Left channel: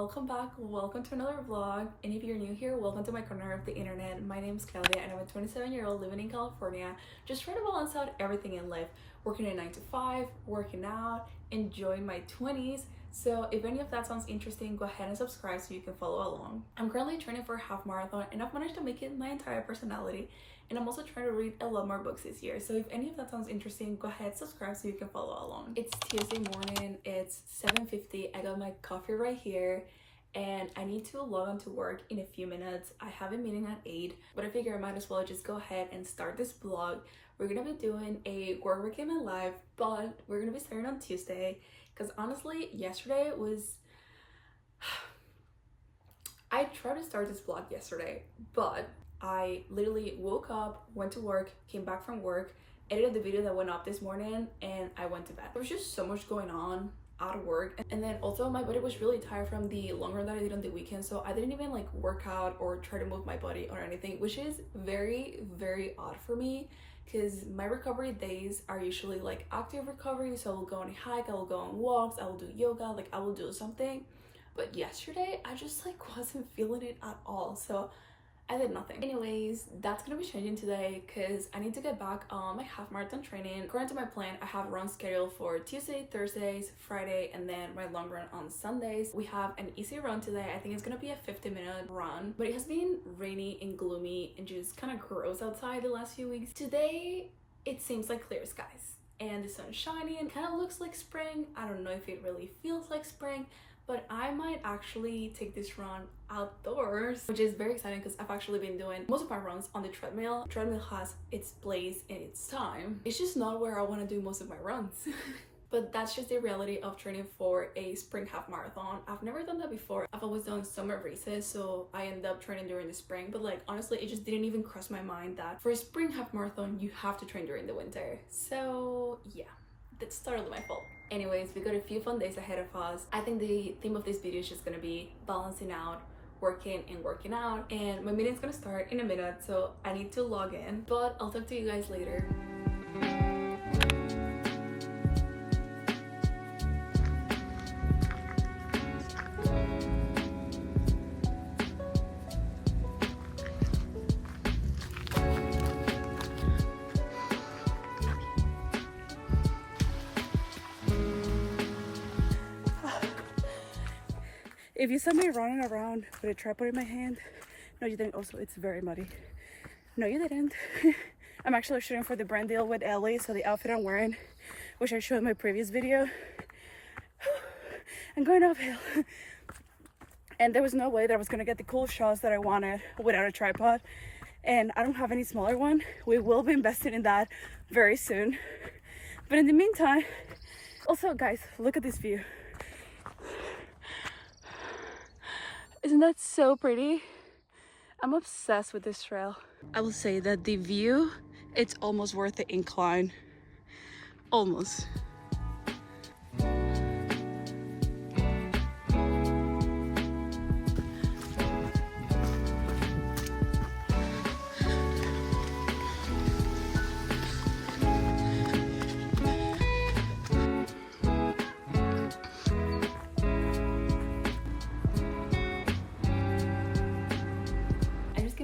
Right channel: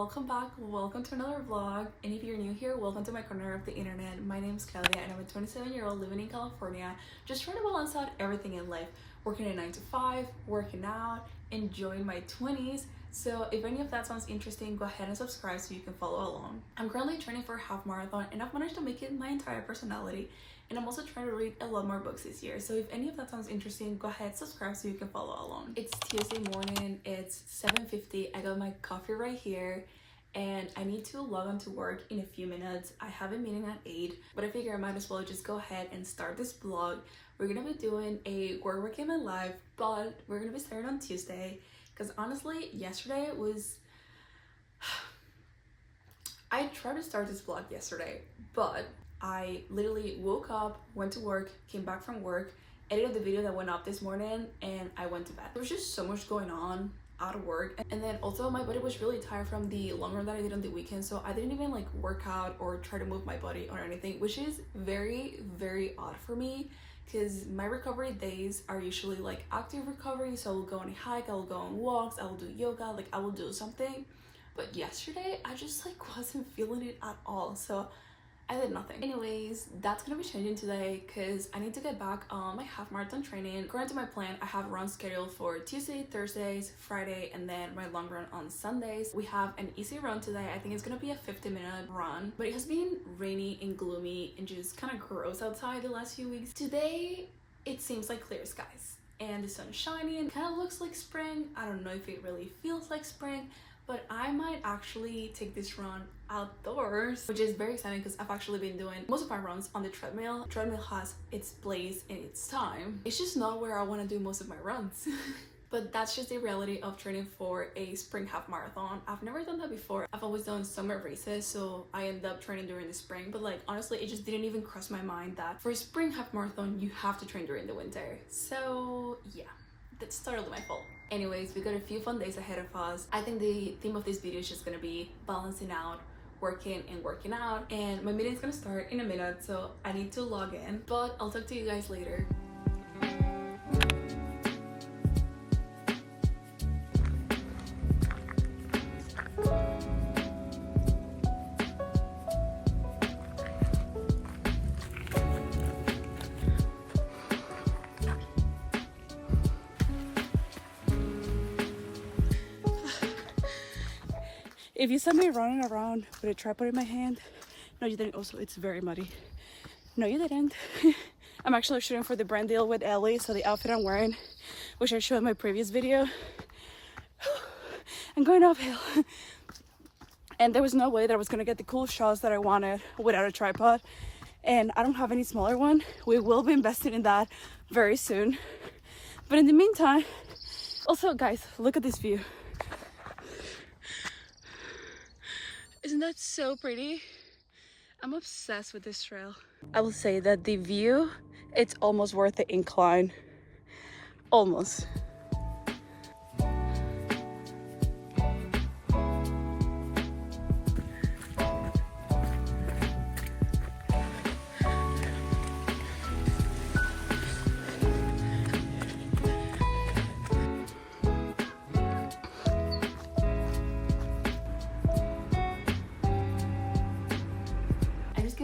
welcome back, welcome to another vlog. And if you're new here, welcome to my corner of the internet. My name is Claudia and I'm a 27-year-old living in California, just trying to balance out everything in life, working a 9 to 5, working out, enjoying my 20s. So if any of that sounds interesting, go ahead and subscribe so you can follow along. I'm currently training for a half marathon and I've managed to make it my entire personality, and I'm also trying to read a lot more books this year. So if any of that sounds interesting, go ahead, subscribe so you can follow along. It's Tuesday morning, it's 7:50. I got my coffee right here and I need to log on to work in a few minutes. I have a meeting at 8, but I figure I might as well just go ahead and start this vlog. We're gonna be doing a work weekend live, but we're gonna be starting on Tuesday because honestly, yesterday was I tried to start this vlog yesterday, but I literally woke up, went to work, came back from work, edited the video that went up this morning, and I went to bed. There was just so much going on at work, and then also my body was really tired from the long run that I did on the weekend, so I didn't even like work out or try to move my body or anything, which is very, very odd for me because my recovery days are usually like active recovery. So I will go on a hike, I will go on walks, I will do yoga, like I will do something. But yesterday I just like wasn't feeling it at all, so I did nothing. Anyways, that's gonna be changing today because I need to get back on my half marathon training. According to my plan, I have runs scheduled for Tuesday, Thursdays, Friday, and then my long run on Sundays. We have an easy run today. I think it's gonna be a 50-minute run, but it has been rainy and gloomy and just kind of gross outside the last few weeks. Today, it seems like clear skies and the sun's shining and kind of looks like spring. I don't know if it really feels like spring, but I might actually take this run outdoors, which is very exciting because I've actually been doing most of my runs on the treadmill. Treadmill has its place and its time. It's just not where I want to do most of my runs. But that's just the reality of training for a spring half marathon. I've never done that before. I've always done summer races, so I end up training during the spring. But like honestly, it just didn't even cross my mind that for a spring half marathon, you have to train during the winter. So yeah, that's totally my fault. Anyways, we got a few fun days ahead of us. I think the theme of this video is just gonna be balancing out working and working out, and my meeting's gonna start in a minute, so I need to log in, but I'll talk to you guys later. If you saw me running around with a tripod in my hand, no you didn't. Also, it's very muddy. No you didn't. I'm actually shooting for the brand deal with Ellie, so the outfit I'm wearing, which I showed in my previous video, I'm going uphill. And there was no way that I was gonna get the cool shots that I wanted without a tripod, and I don't have any smaller one. We will be investing in that very soon, but in the meantime, also guys, look at this view. Isn't that so pretty? I'm obsessed with this trail. I will say that the view, it's almost worth the incline. Almost.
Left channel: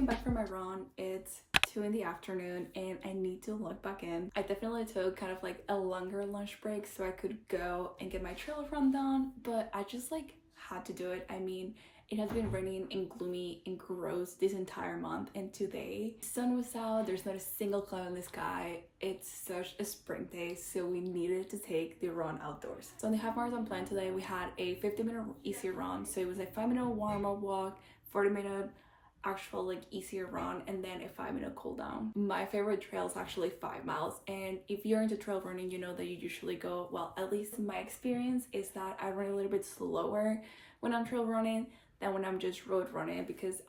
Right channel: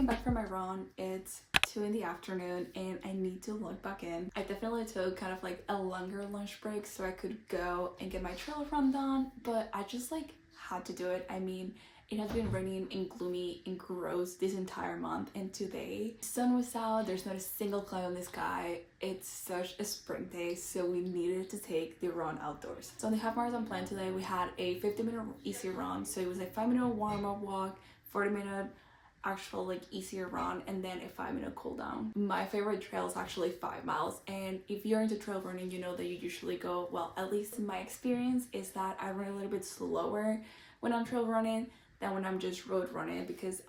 Back from my run, it's 2 in the afternoon and I need to log back in. I definitely took kind of like a longer lunch break so I could go and get my trail run done, but I just like had to do it. I mean, it has been raining and gloomy and gross this entire month, and today the sun was out, there's not a single cloud in the sky. It's such a spring day, so we needed to take the run outdoors. So on the half marathon plan today, we had a 50-minute easy run, so it was a 5-minute warm-up walk, 40-minute actual like easier run, and then a 5-minute cool down. My favorite trail is actually 5 miles, and if you're into trail running, you know that you usually go, well, at least in my experience is that I run a little bit slower when I'm trail running than when I'm just road running, because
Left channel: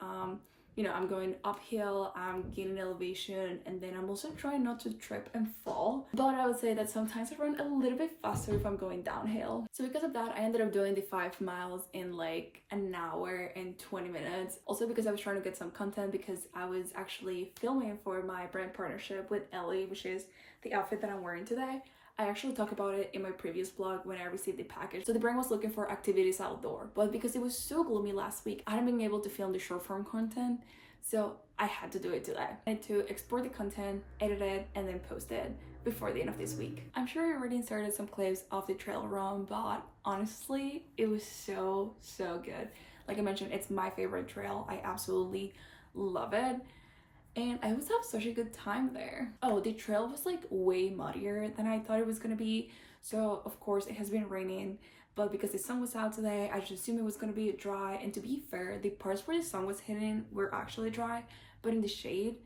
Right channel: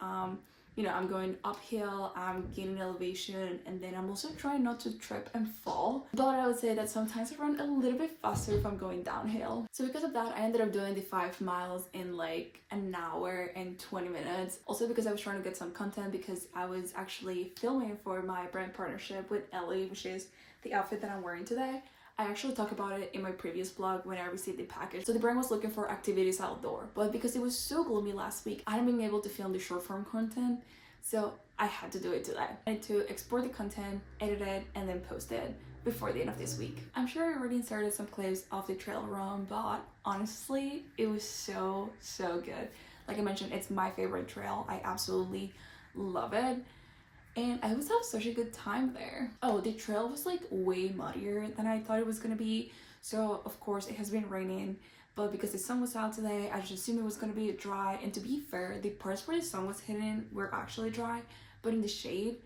you know, I'm going uphill, I'm gaining elevation, and then I'm also trying not to trip and fall. But I would say that sometimes I run a little bit faster if I'm going downhill. So because of that, I ended up doing the 5 miles in like an hour and 20 minutes. Also because I was trying to get some content, because I was actually filming for my brand partnership with Ellie, which is the outfit that I'm wearing today. I actually talked about it in my previous vlog when I received the package. So the brand was looking for activities outdoor, but because it was so gloomy last week, I hadn't been able to film the short form content, so I had to do it today. I had to export the content, edit it, and then post it before the end of this week. I'm sure I already inserted some clips of the trail run, but honestly, it was so good. Like I mentioned, it's my favorite trail. I absolutely love it. And I always have such a good time there. Oh, the trail was like way muddier than I thought it was gonna be. So of course it has been raining, but because the sun was out today, I just assumed it was gonna be dry. And to be fair, the parts where the sun was hitting were actually dry, but in the shade,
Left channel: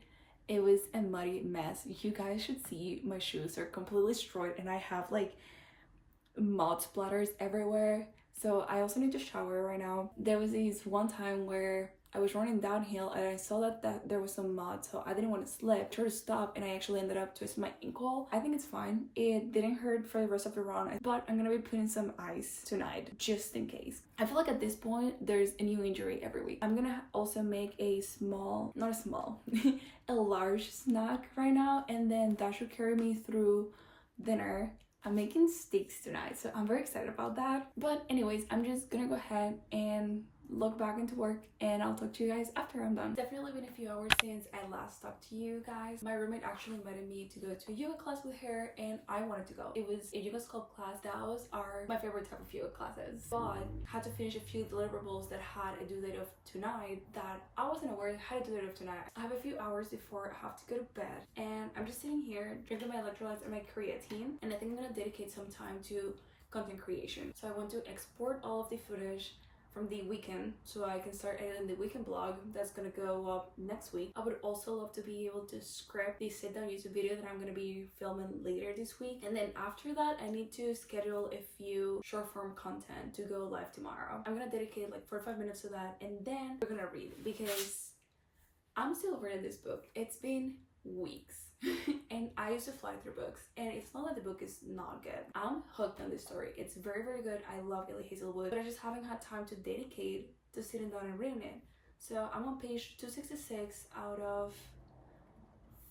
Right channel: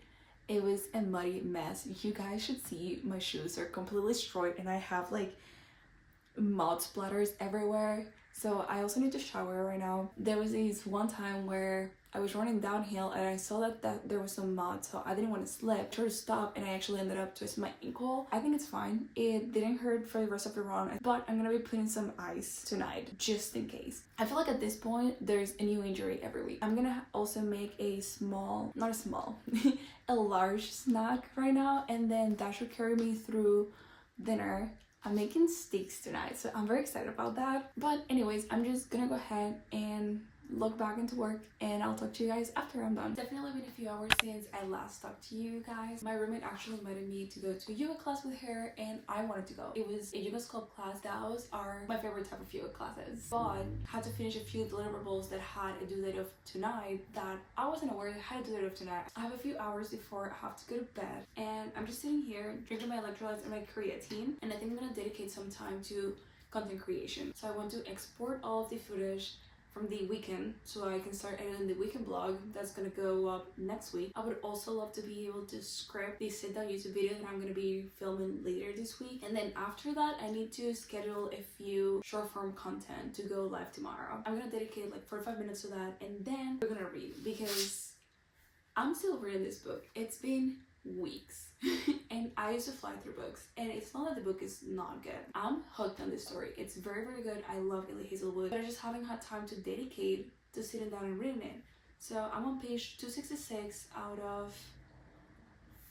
it was a muddy mess. You guys should see my shoes are completely destroyed and I have like mud splatters everywhere. So I also need to shower right now. There was this one time where I was running downhill and I saw that there was some mud, so I didn't want to slip. I tried to stop and I actually ended up twisting my ankle. I think it's fine. It didn't hurt for the rest of the run, but I'm gonna be putting some ice tonight just in case. I feel like at this point there's a new injury every week. I'm gonna also make a a large snack right now, and then that should carry me through dinner. I'm making steaks tonight, so I'm very excited about that. But anyways, I'm just gonna go ahead and log back into work and I'll talk to you guys after I'm done. Definitely been a few hours since I last talked to you guys. My roommate actually invited me to go to a yoga class with her and I wanted to go. It was a yoga sculpt class. Those are my favorite type of yoga classes, but had to finish a few deliverables that had a due date of tonight that I wasn't aware I had a due date of tonight. I have a few hours before I have to go to bed and I'm just sitting here drinking my electrolytes and my creatine, and I think I'm gonna dedicate some time to content creation. So I want to export all of the footage from the weekend so I can start editing the weekend vlog that's gonna go up next week. I would also love to be able to script the sit down YouTube video that I'm gonna be filming later this week, and then after that I need to schedule a few short form content to go live tomorrow. I'm gonna dedicate like 45 minutes to that, and then we're gonna read because I'm still reading this book. It's been weeks and I used to fly through books, and it's not that the book is not good. I'm hooked on this story. It's very good. I love Ellie Hazelwood, but I just haven't had time to dedicate to sitting down and reading it. So I'm on page 266 out of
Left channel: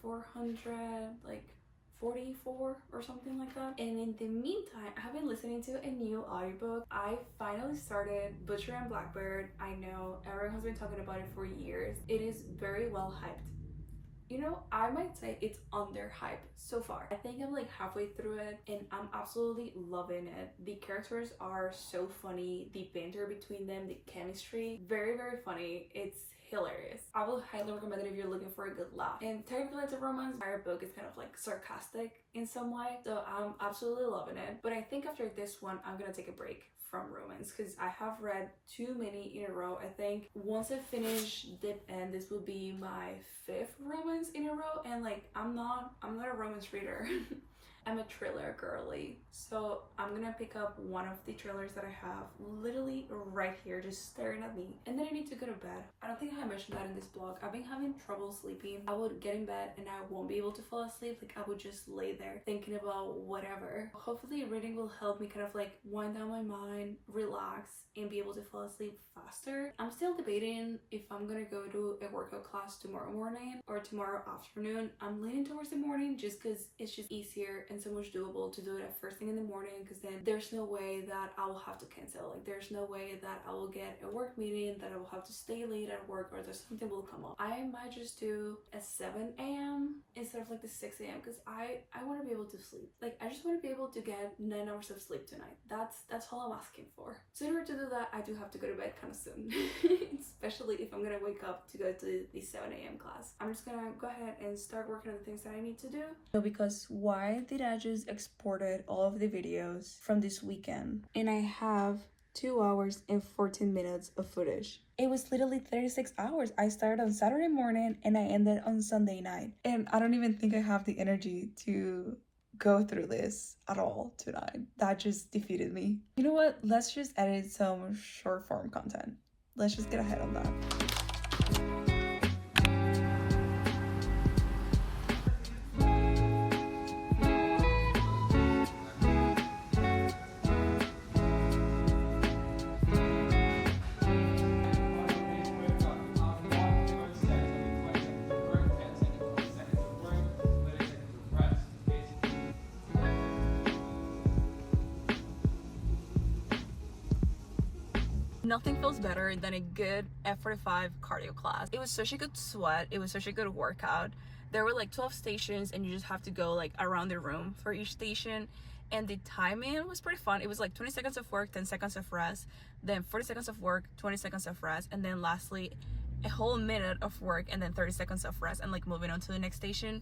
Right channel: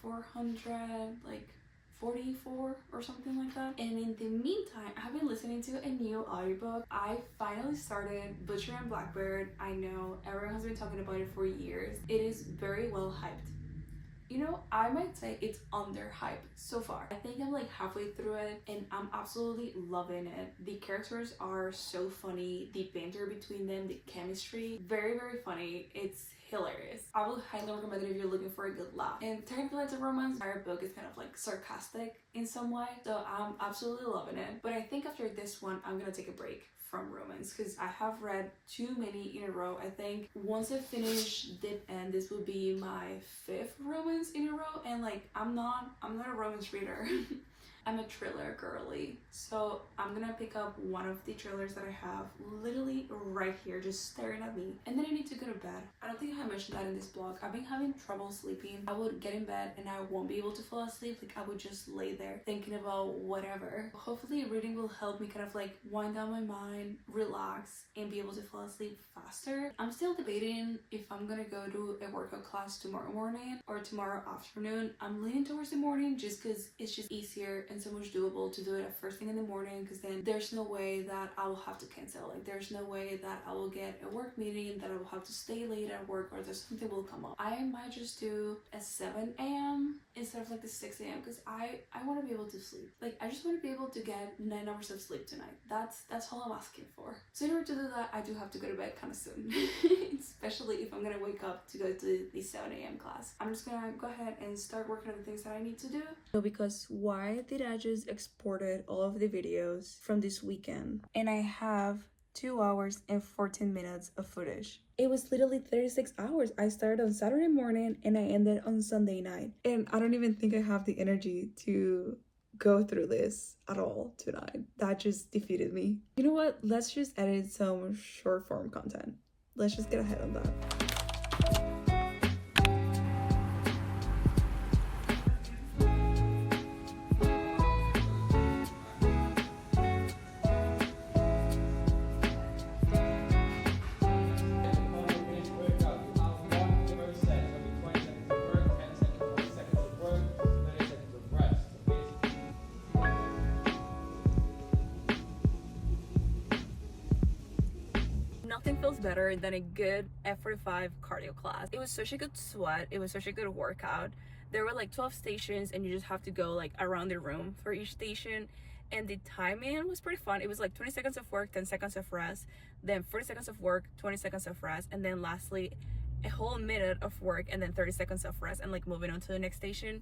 400, like 44 or something like that. And in the meantime, I've been listening to a new audiobook. I finally started Butcher and Blackbird. I know everyone has been talking about it for years. It is very well hyped. You know, I might say it's underhyped so far. I think I'm like halfway through it and I'm absolutely loving it. The characters are so funny. The banter between them, the chemistry, very funny. It's hilarious. I will highly recommend it if you're looking for a good laugh. And technically it's a romance. Our book is kind of like sarcastic in some way, so I'm absolutely loving it. But I think after this one, I'm gonna take a break from romance because I have read too many in a row. I think once I finish Dip End, this will be my 5th romance in a row, and like I'm not a romance reader. I'm a thriller girly, so I'm gonna pick up one of the thrillers that I have literally right here just staring at me, and then I need to go to bed. I don't think I mentioned that in this blog. I've been having trouble sleeping. I would get in bed and I won't be able to fall asleep. Like I would just lay there thinking about whatever. Hopefully reading will help me kind of like wind down my mind, relax, and be able to fall asleep faster. I'm still debating if I'm gonna go to a workout class tomorrow morning or tomorrow afternoon. I'm leaning towards the morning just because it's just easier and so much doable to do it at first thing in the morning, because then there's no way that I will have to cancel. Like there's no way that I will get a work meeting, that I will have to stay late at work, or that something will come up. I might just do a 7 a.m. instead of like the 6 a.m. because I want to be able to sleep. Like I just want to be able to get 9 hours of sleep tonight. That's all I'm asking for. So in order to do that, I do have to go to bed kind of soon, especially if I'm gonna wake up to go to the 7 a.m. class. I'm just gonna go ahead and start working on the things that I need to do. So because why did I just exported all of the videos from this weekend and I have 2 hours and 14 minutes of footage. It was literally 36 hours. I started on Saturday morning and I ended on Sunday night, and I don't even think I have the energy to go through this at all tonight. That just defeated me. You know what? Let's just edit some short form content. Let's just get ahead on that. Nothing feels better than a good F45 cardio class. It was such a good sweat. It was such a good workout. There were like 12 stations and you just have to go like around the room for each station. And the timing was pretty fun. It was like 20 seconds of work, 10 seconds of rest, then 40 seconds of work, 20 seconds of rest, and then lastly a whole minute of work and then 30 seconds of rest, and like moving on to the next station.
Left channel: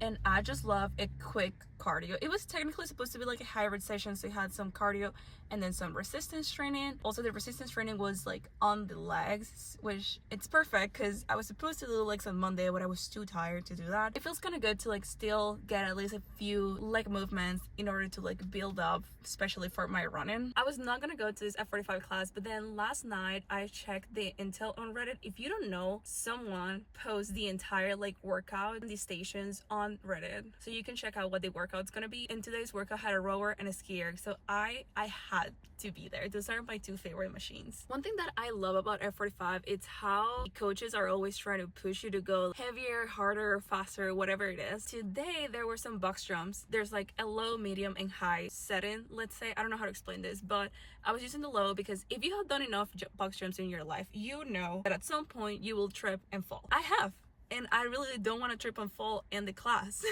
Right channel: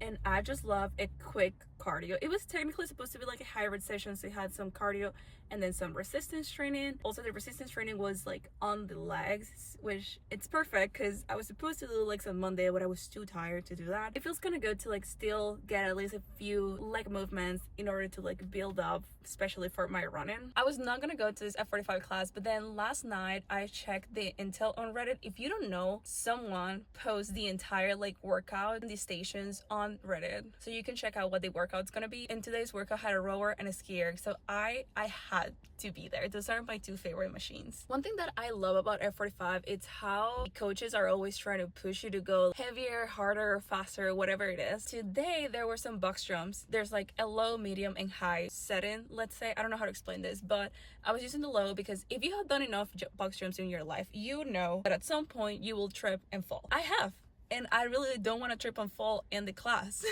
And I just love a quick cardio. It was technically supposed to be like a hybrid session, so you had some cardio and then some resistance training. Also, the resistance training was like on the legs, which it's perfect because I was supposed to do legs on Monday, but I was too tired to do that. It feels kind of good to like still get at least a few leg movements in order to like build up, especially for my running. I was not gonna go to this F45 class, but then last night I checked the intel on Reddit. If you don't know, someone posts the entire like workout in the stations on Reddit, so you can check out what the workout's gonna be. And today's workout had a rower and a skier, so I had to be there. Those are my two favorite machines. One thing that I love about F45 is how the coaches are always trying to push you to go heavier, harder, faster, whatever it is. Today there were some box jumps. There's like a low, medium, and high setting, let's say. I don't know how to explain this, but I was using the low because if you have done enough box jumps in your life, you know that at some point you will trip and fall. I have, and I really don't want to trip and fall in the class.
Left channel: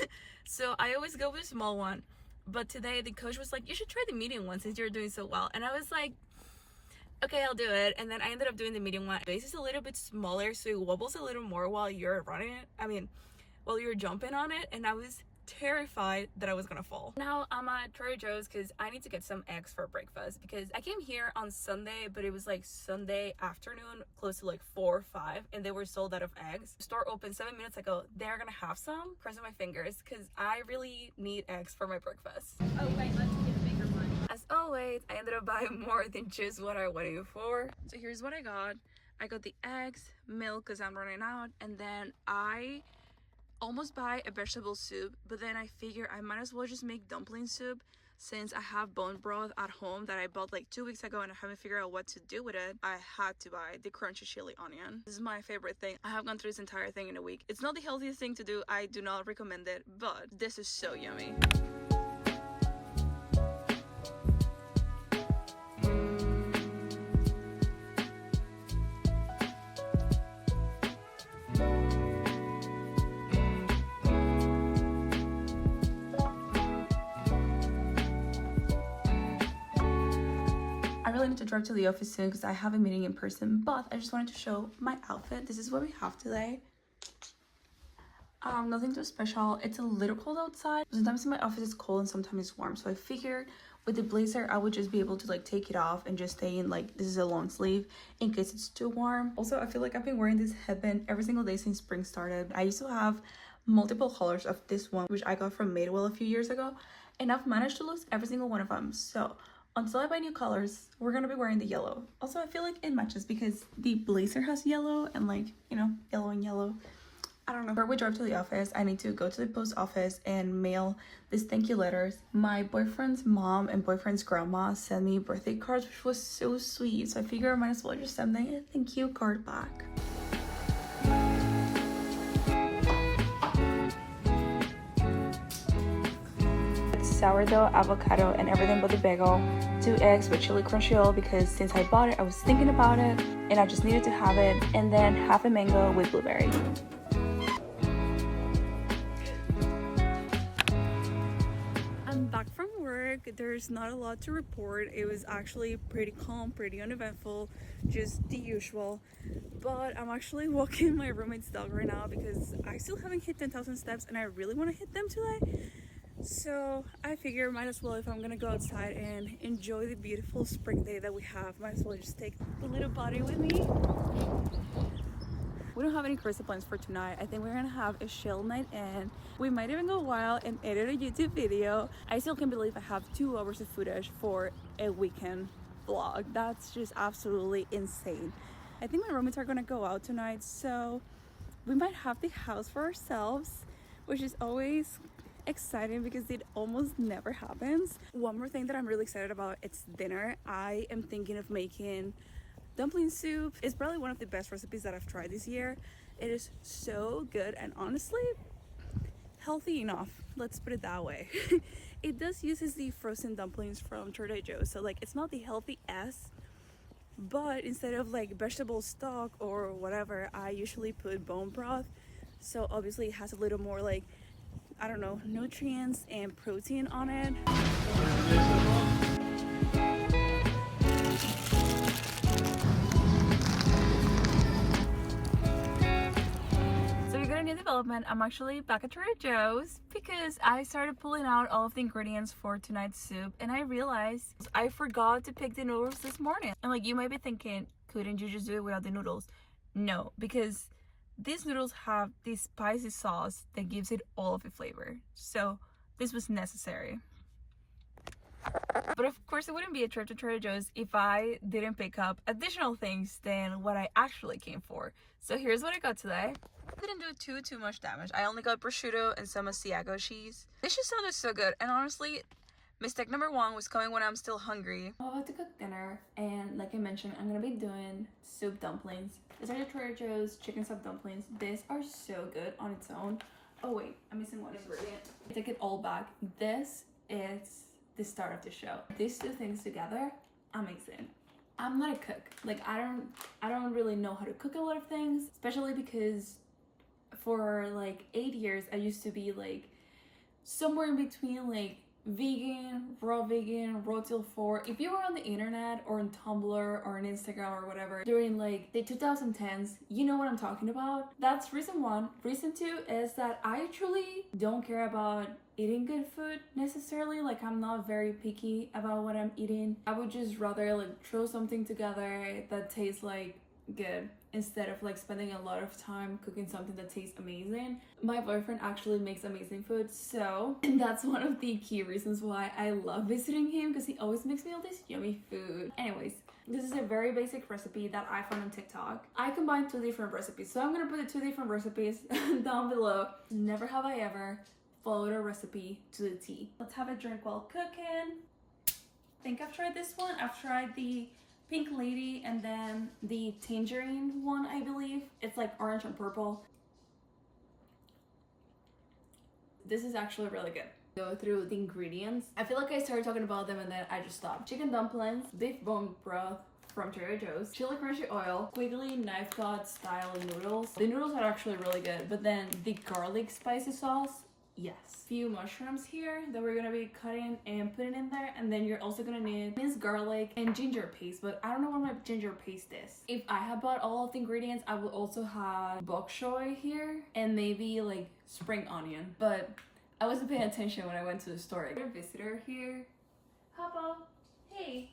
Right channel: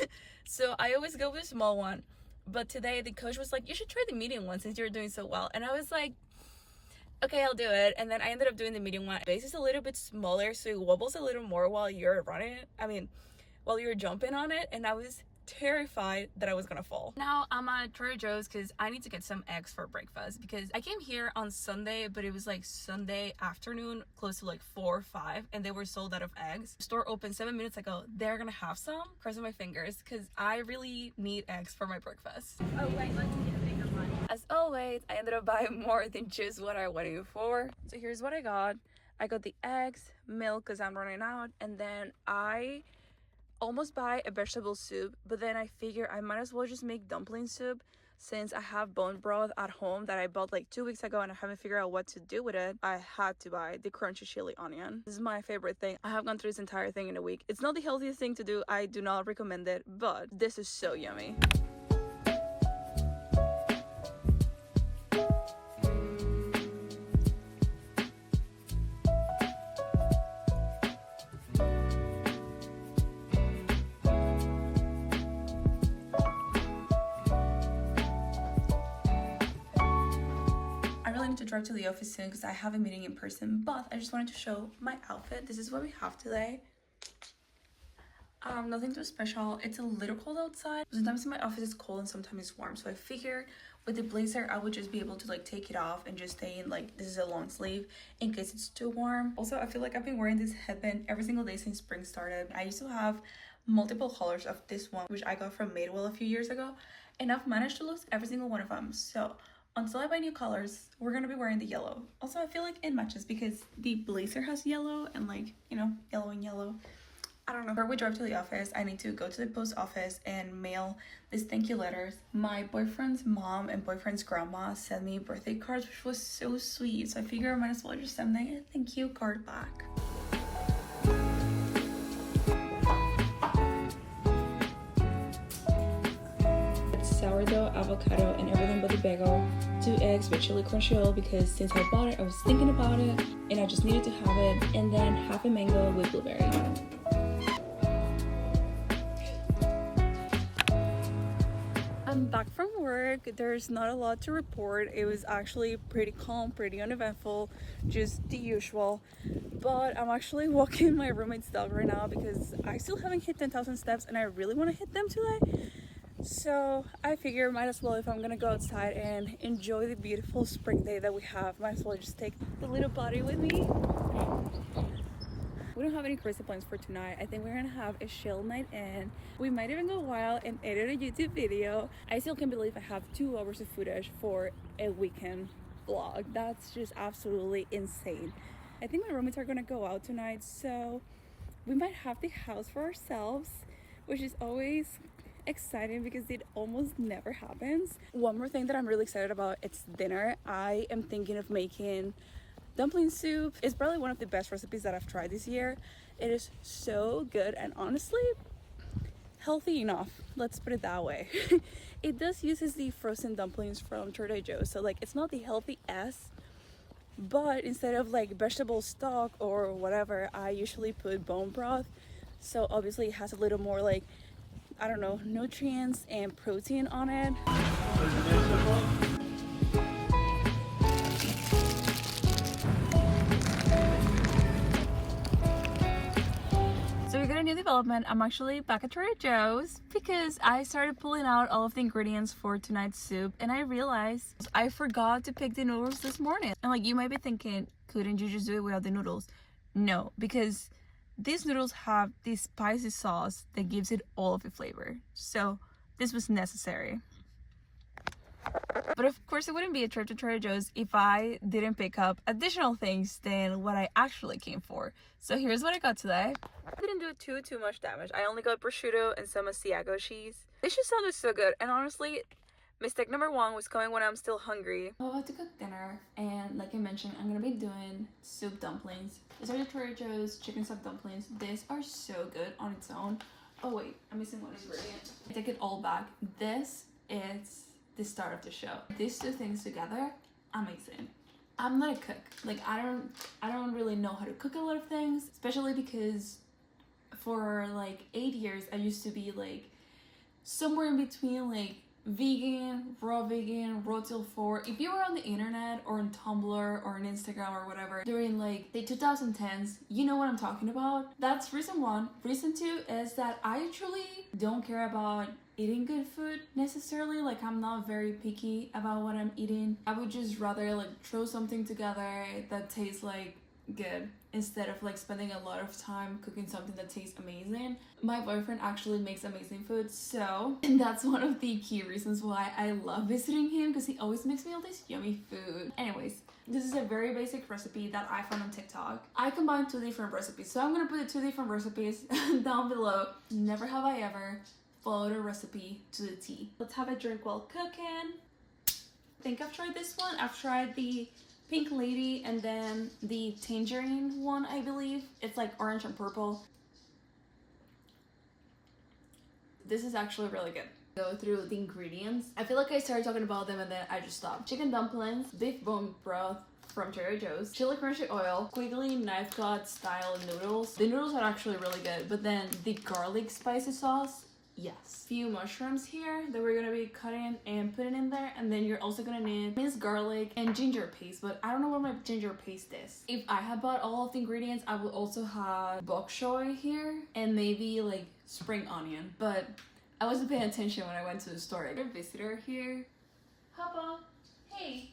So I always go with a small one. But today the coach was like, you should try the medium one since you're doing so well. And I was like, okay, I'll do it. And then I ended up doing the medium one. Base is a little bit smaller, so it wobbles a little more while you're running it. I mean, while you're jumping on it. And I was terrified that I was gonna fall. Now I'm at Trader Joe's because I need to get some eggs for breakfast, because I came here on Sunday, but it was like Sunday afternoon, close to like 4 or 5, and they were sold out of eggs. The store opened 7 minutes ago. They're gonna have some. Crossing my fingers because I really need eggs for my breakfast. Oh wait, let's get bigger one. As always, I ended up buying more than just what I went in for. So here's what I got. I got the eggs, milk because I'm running out, and then I almost buy a vegetable soup, but then I figure I might as well just make dumpling soup since I have bone broth at home that I bought like 2 weeks ago and I haven't figured out what to do with it. I had to buy the crunchy chili onion. This is my favorite thing. I have gone through this entire thing in a week. It's not the healthiest thing to do. I do not recommend it, but this is so yummy. To drive to the office soon because I have a meeting in person, but I just wanted to show my outfit. This is what we have today. Nothing too special. It's a little cold outside. Sometimes in my office it's cold and sometimes it's warm, so I figured with the blazer I would just be able to like take it off and just stay in like this is a long sleeve in case it's too warm. Also, I feel like I've been wearing this headband every single day since spring started. I used to have multiple colors of this one, which I got from Madewell a few years ago, and I've managed to lose every single one of them. So until I buy new colors, we're gonna be wearing the yellow. Also, I feel like it matches because the blazer has yellow and like, you know, yellow and yellow. I don't know. Before we drive to the office, I need to go to the post office and mail these thank you letters. My boyfriend's mom and boyfriend's grandma sent me birthday cards, which was so sweet. So I figure I might as well just send them a thank you card back. Sourdough, avocado, and everything but the bagel. 2 eggs with chili crunch roll because since I bought it, I was thinking about it and I just needed to have it. And then half a mango with blueberry. I'm back from work. There's not a lot to report. It was actually pretty calm, pretty uneventful, just the usual. But I'm actually walking my roommate's dog right now because I still haven't hit 10,000 steps and I really want to hit them today. So I figure might as well, if I'm gonna go outside and enjoy the beautiful spring day that we have, might as well just take the little body with me. We don't have any crazy plans for tonight. I think we're gonna have a chill night and we might even go wild and edit a YouTube video. I still can't believe I have 2 hours of footage for a weekend vlog. That's just absolutely insane. I think my roommates are gonna go out tonight, so we might have the house for ourselves, which is always exciting because it almost never happens. One more thing that I'm really excited about, it's dinner. I am thinking of making dumpling soup. It's probably one of the best recipes that I've tried this year. It is so good and honestly healthy enough, let's put it that way. It does uses the frozen dumplings from Trader Joe's, so like it's not the healthiest, but instead of like vegetable stock or whatever, I usually put bone broth. So obviously it has a little more like, I don't know, nutrients and protein on it. So we got a new development. I'm actually back at Trader Joe's because I started pulling out all of the ingredients for tonight's soup, and I realized I forgot to pick the noodles this morning. And like, you might be thinking, couldn't you just do it without the noodles? No, because these noodles have this spicy sauce that gives it all of the flavor. So this was necessary. But of course, it wouldn't be a trip to Trader Joe's if I didn't pick up additional things than what I actually came for. So here's what I got today. I didn't do too much damage. I only got prosciutto and some Asiago cheese. This just sounded so good. And honestly, mistake number one was coming when I'm still hungry. I'm about to cook dinner, and like I mentioned, I'm gonna be doing soup dumplings. These are the Trader Joe's chicken soup dumplings. These are so good on its own. Oh wait, I'm missing one ingredient. I take it all back. This is the start of the show. These two things together, amazing. I'm not a cook. Like, I don't really know how to cook a lot of things, especially because for like 8 years I used to be like somewhere in between like vegan, raw till 4. If you were on the internet or on Tumblr or on Instagram or whatever during like the 2010s, you know what I'm talking about. That's reason one. Reason two is that I truly don't care about eating good food necessarily. Like, I'm not very picky about what I'm eating. I would just rather like throw something together that tastes like good instead of like spending a lot of time cooking something that tastes amazing. My boyfriend actually makes amazing food, so that's one of the key reasons why I love visiting him, because he always makes me all this yummy food. Anyways, this is a very basic recipe that I found on TikTok. I combined 2 different recipes, so I'm gonna put the 2 different recipes down below. Never have I ever followed a recipe to the T. Let's have a drink while cooking. I think I've tried this one. I've tried the Pink Lady and then the Tangerine one, I believe. It's like orange and purple. This is actually really good. Go through the ingredients. I feel like I started talking about them and then I just stopped. Chicken dumplings, beef bone broth from Trader Joe's, chili crunchy oil, squiggly knife cut style noodles. The noodles are actually really good, but then the garlic spicy sauce, yes. Few mushrooms here that we're gonna be cutting and putting in there, and then you're also gonna need minced garlic and ginger paste, but I don't know what my ginger paste is. If I had bought all of the ingredients, I would also have bok choy here and maybe like spring onion, but I wasn't paying attention when I went to the store. I got a visitor here. Papa, hey.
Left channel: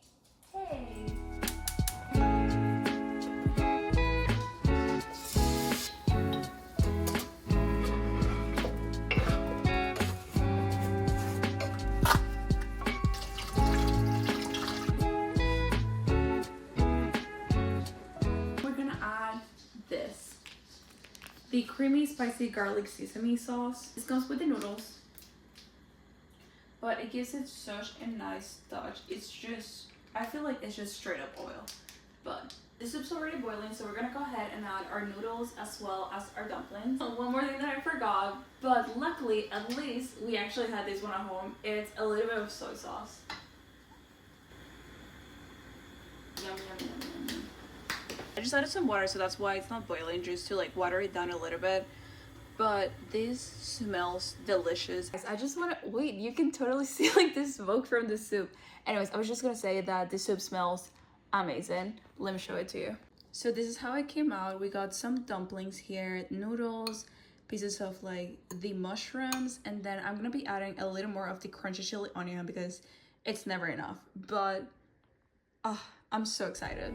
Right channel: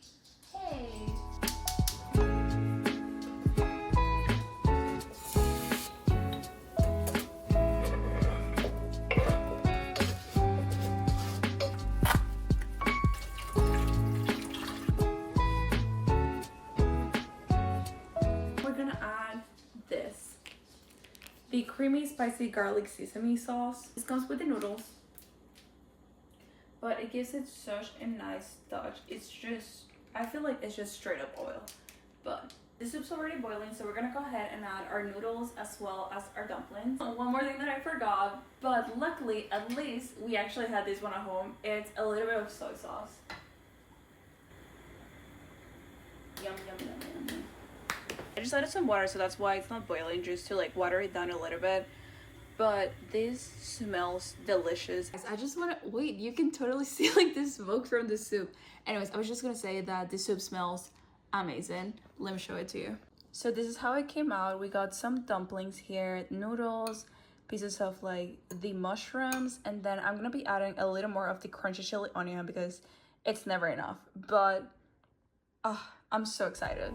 The creamy spicy garlic sesame sauce. This comes with the noodles, but it gives it such a nice touch. It's just, I feel like it's just straight up oil, but the soup's already boiling, so we're gonna go ahead and add our noodles as well as our dumplings. One more thing that I forgot, but luckily at least we actually had this one at home. It's a little bit of soy sauce. Yum, yum, yum, yum, yum. I just added some water, so that's why it's not boiling, just to like water it down a little bit. But this smells delicious. I just want to wait, you can totally see like the smoke from the soup. Anyways, I was just gonna say that the soup smells amazing. Let me show it to you. So this is how it came out. We got some dumplings here, noodles, pieces of like the mushrooms, and then I'm gonna be adding a little more of the crunchy chili onion because it's never enough. But I'm so excited.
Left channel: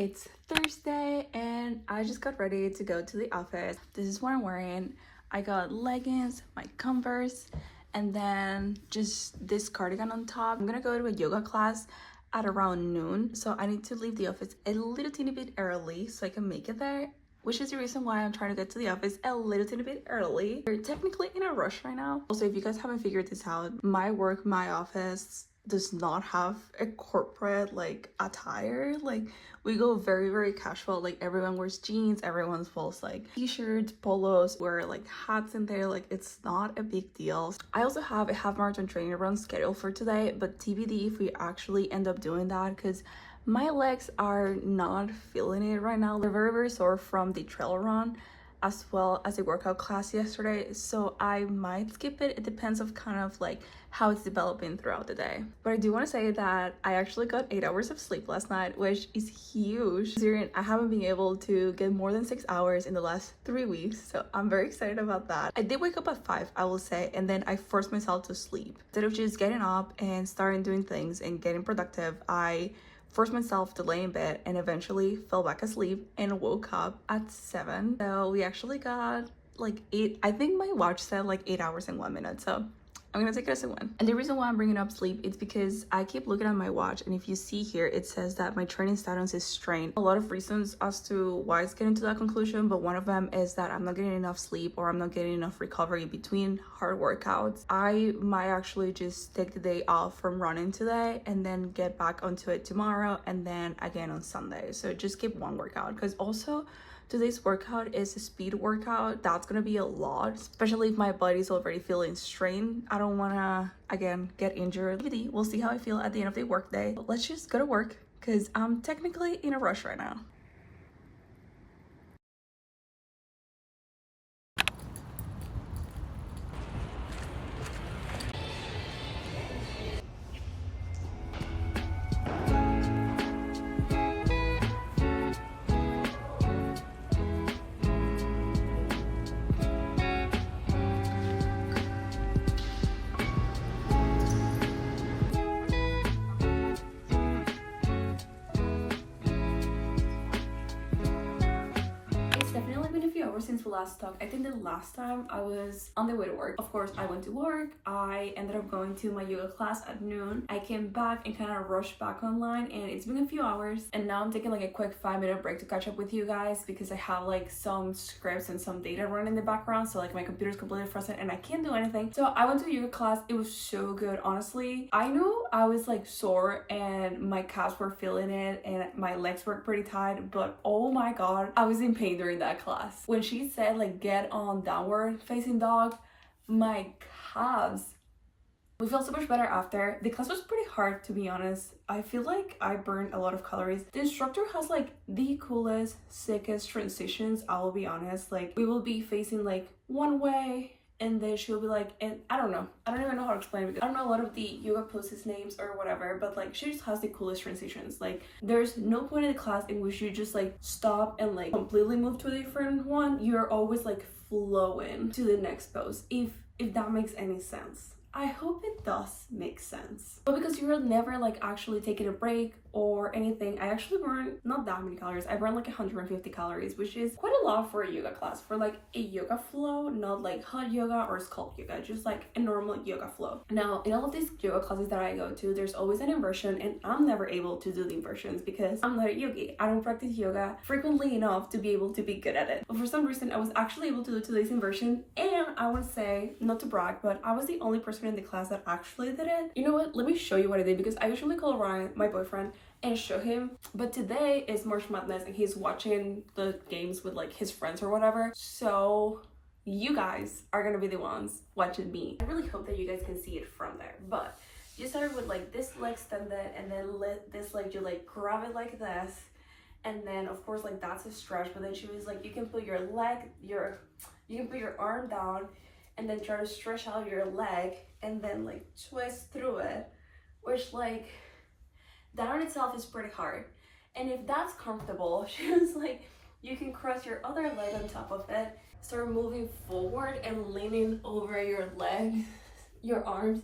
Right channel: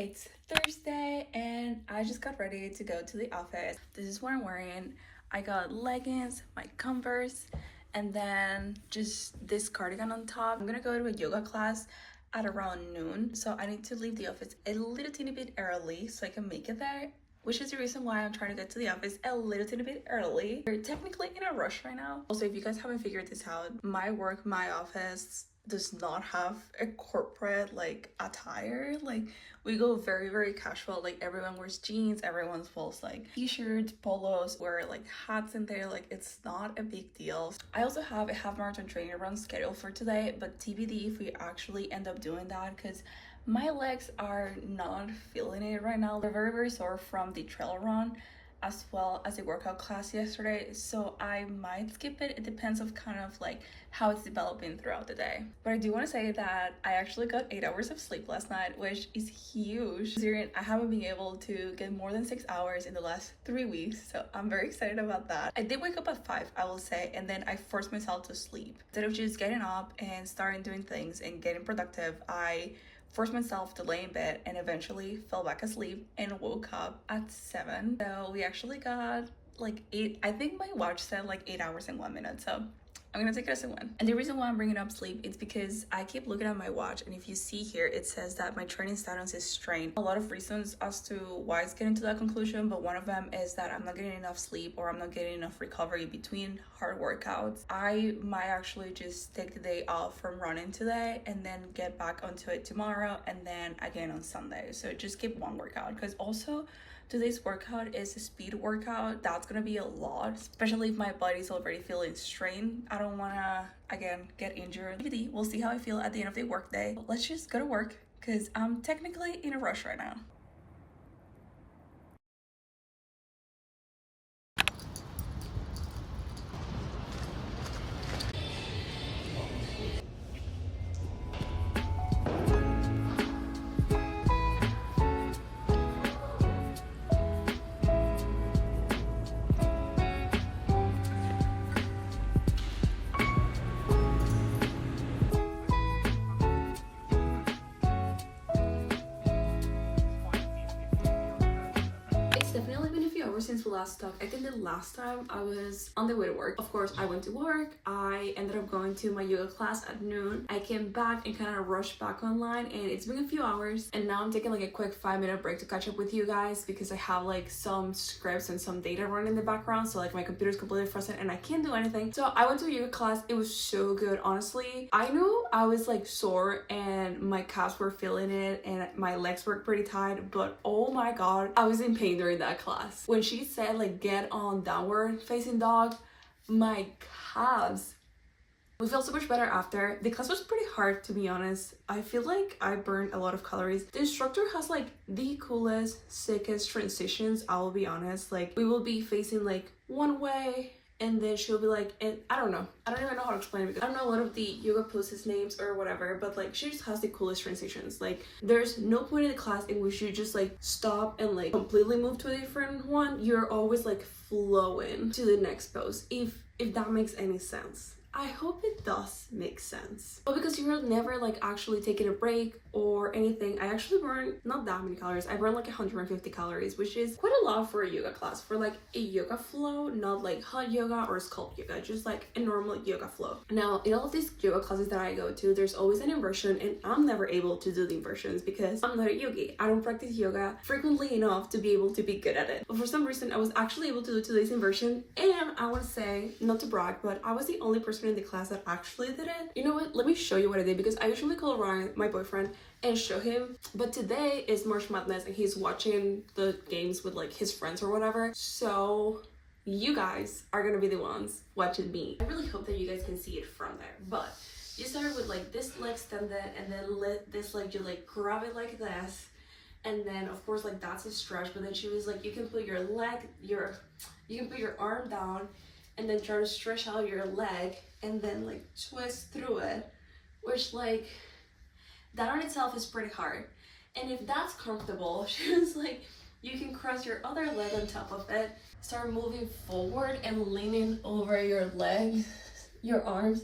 It's Thursday and I just got ready to go to the office. This is what I'm wearing. I got leggings, my Converse, and then just this cardigan on top. I'm gonna go to a yoga class at around noon, so I need to leave the office a little teeny bit early so I can make it there, which is the reason why I'm trying to get to the office a little teeny bit early. We're technically in a rush right now. Also, if you guys haven't figured this out, my work, my office, does not have a corporate like attire. Like we go very, very casual. Like everyone wears jeans, everyone wears like t-shirts, polos, wear like hats in there. Like it's not a big deal. I also have a half marathon training run scheduled for today, but TBD if we actually end up doing that, because my legs are not feeling it right now. They're very, very sore from the trail run as well as a workout class yesterday, so I might skip it. It depends of kind of like how it's developing throughout the day. But I do want to say that I actually got 8 hours of sleep last night, which is huge considering I haven't been able to get more than 6 hours in the last 3 weeks, so I'm very excited about that. I did wake up at 5, I will say, and then I forced myself to sleep. Instead of just getting up and starting doing things and getting productive, I forced myself to lay in bed and eventually fell back asleep and woke up at 7. So we actually got like 8, I think my watch said like 8 hours and 1 minute, so I'm gonna take it as a win. And the reason why I'm bringing up sleep is because I keep looking at my watch, and if you see here, it says that my training status is strained. A lot of reasons as to why it's getting to that conclusion, but one of them is that I'm not getting enough sleep or I'm not getting enough recovery between hard workouts. I might actually just take the day off from running today and then get back onto it tomorrow and then again on Sunday. So just skip one workout, because also today's workout is a speed workout. That's gonna be a lot, especially if my body's already feeling strained. I don't wanna, again, get injured. We'll see how I feel at the end of the workday. But let's just go to work, because I'm technically in a rush right now. Since we last talked, I think the last time I was on the way to work. Of course, I went to work. I ended up going to my yoga class at noon. I came back and kind of rushed back online, and it's been a few hours, and now I'm taking like a quick 5-minute break to catch up with you guys, because I have like some scripts and some data running in the background, so like my computer's completely frozen and I can't do anything. So I went to a yoga class. It was so good, honestly. I knew I was like sore and my calves were feeling it and my legs were pretty tight, but oh my god, I was in pain during that class. When she said like get on downward facing dog, my calves, we felt so much better after. The class was pretty hard, to be honest. I feel like I burned a lot of calories. The instructor has like the coolest, sickest transitions, I will be honest. Like we will be facing like one way, and then she'll be like, and I don't even know how to explain it, because I don't know a lot of the yoga poses names or whatever, but like she just has the coolest transitions. Like there's no point in the class in which you just like stop and like completely move to a different one. You're always like flowing to the next pose, if that makes any sense. I hope it does make sense. But because you're never like actually taking a break or anything, I actually burned not that many calories. I burned like 150 calories, which is quite a lot for a yoga class, for like a yoga flow, not like hot yoga or sculpt yoga, just like a normal yoga flow. Now, in all of these yoga classes that I go to, there's always an inversion, and I'm never able to do the inversions because I'm not a yogi. I don't practice yoga frequently enough to be able to be good at it. But for some reason, I was actually able to do today's inversion, and I want to say, not to brag, but I was the only person in the class that actually did it. You know what? Let me show you what I did, because I usually call Ryan, my boyfriend, and show him, but today is March Madness and he's watching the games with like his friends or whatever, so you guys are gonna be the ones watching me. I really hope that you guys can see it from there. But you start with like this leg extended, and then this leg, you like grab it like this, and then of course like that's a stretch, but then she was like, you can put your arm down and then try to stretch out your leg and then like twist through it, which like that on itself is pretty hard. And if that's comfortable, she was like, you can cross your other leg on top of it, start moving forward and leaning over your leg, your arms,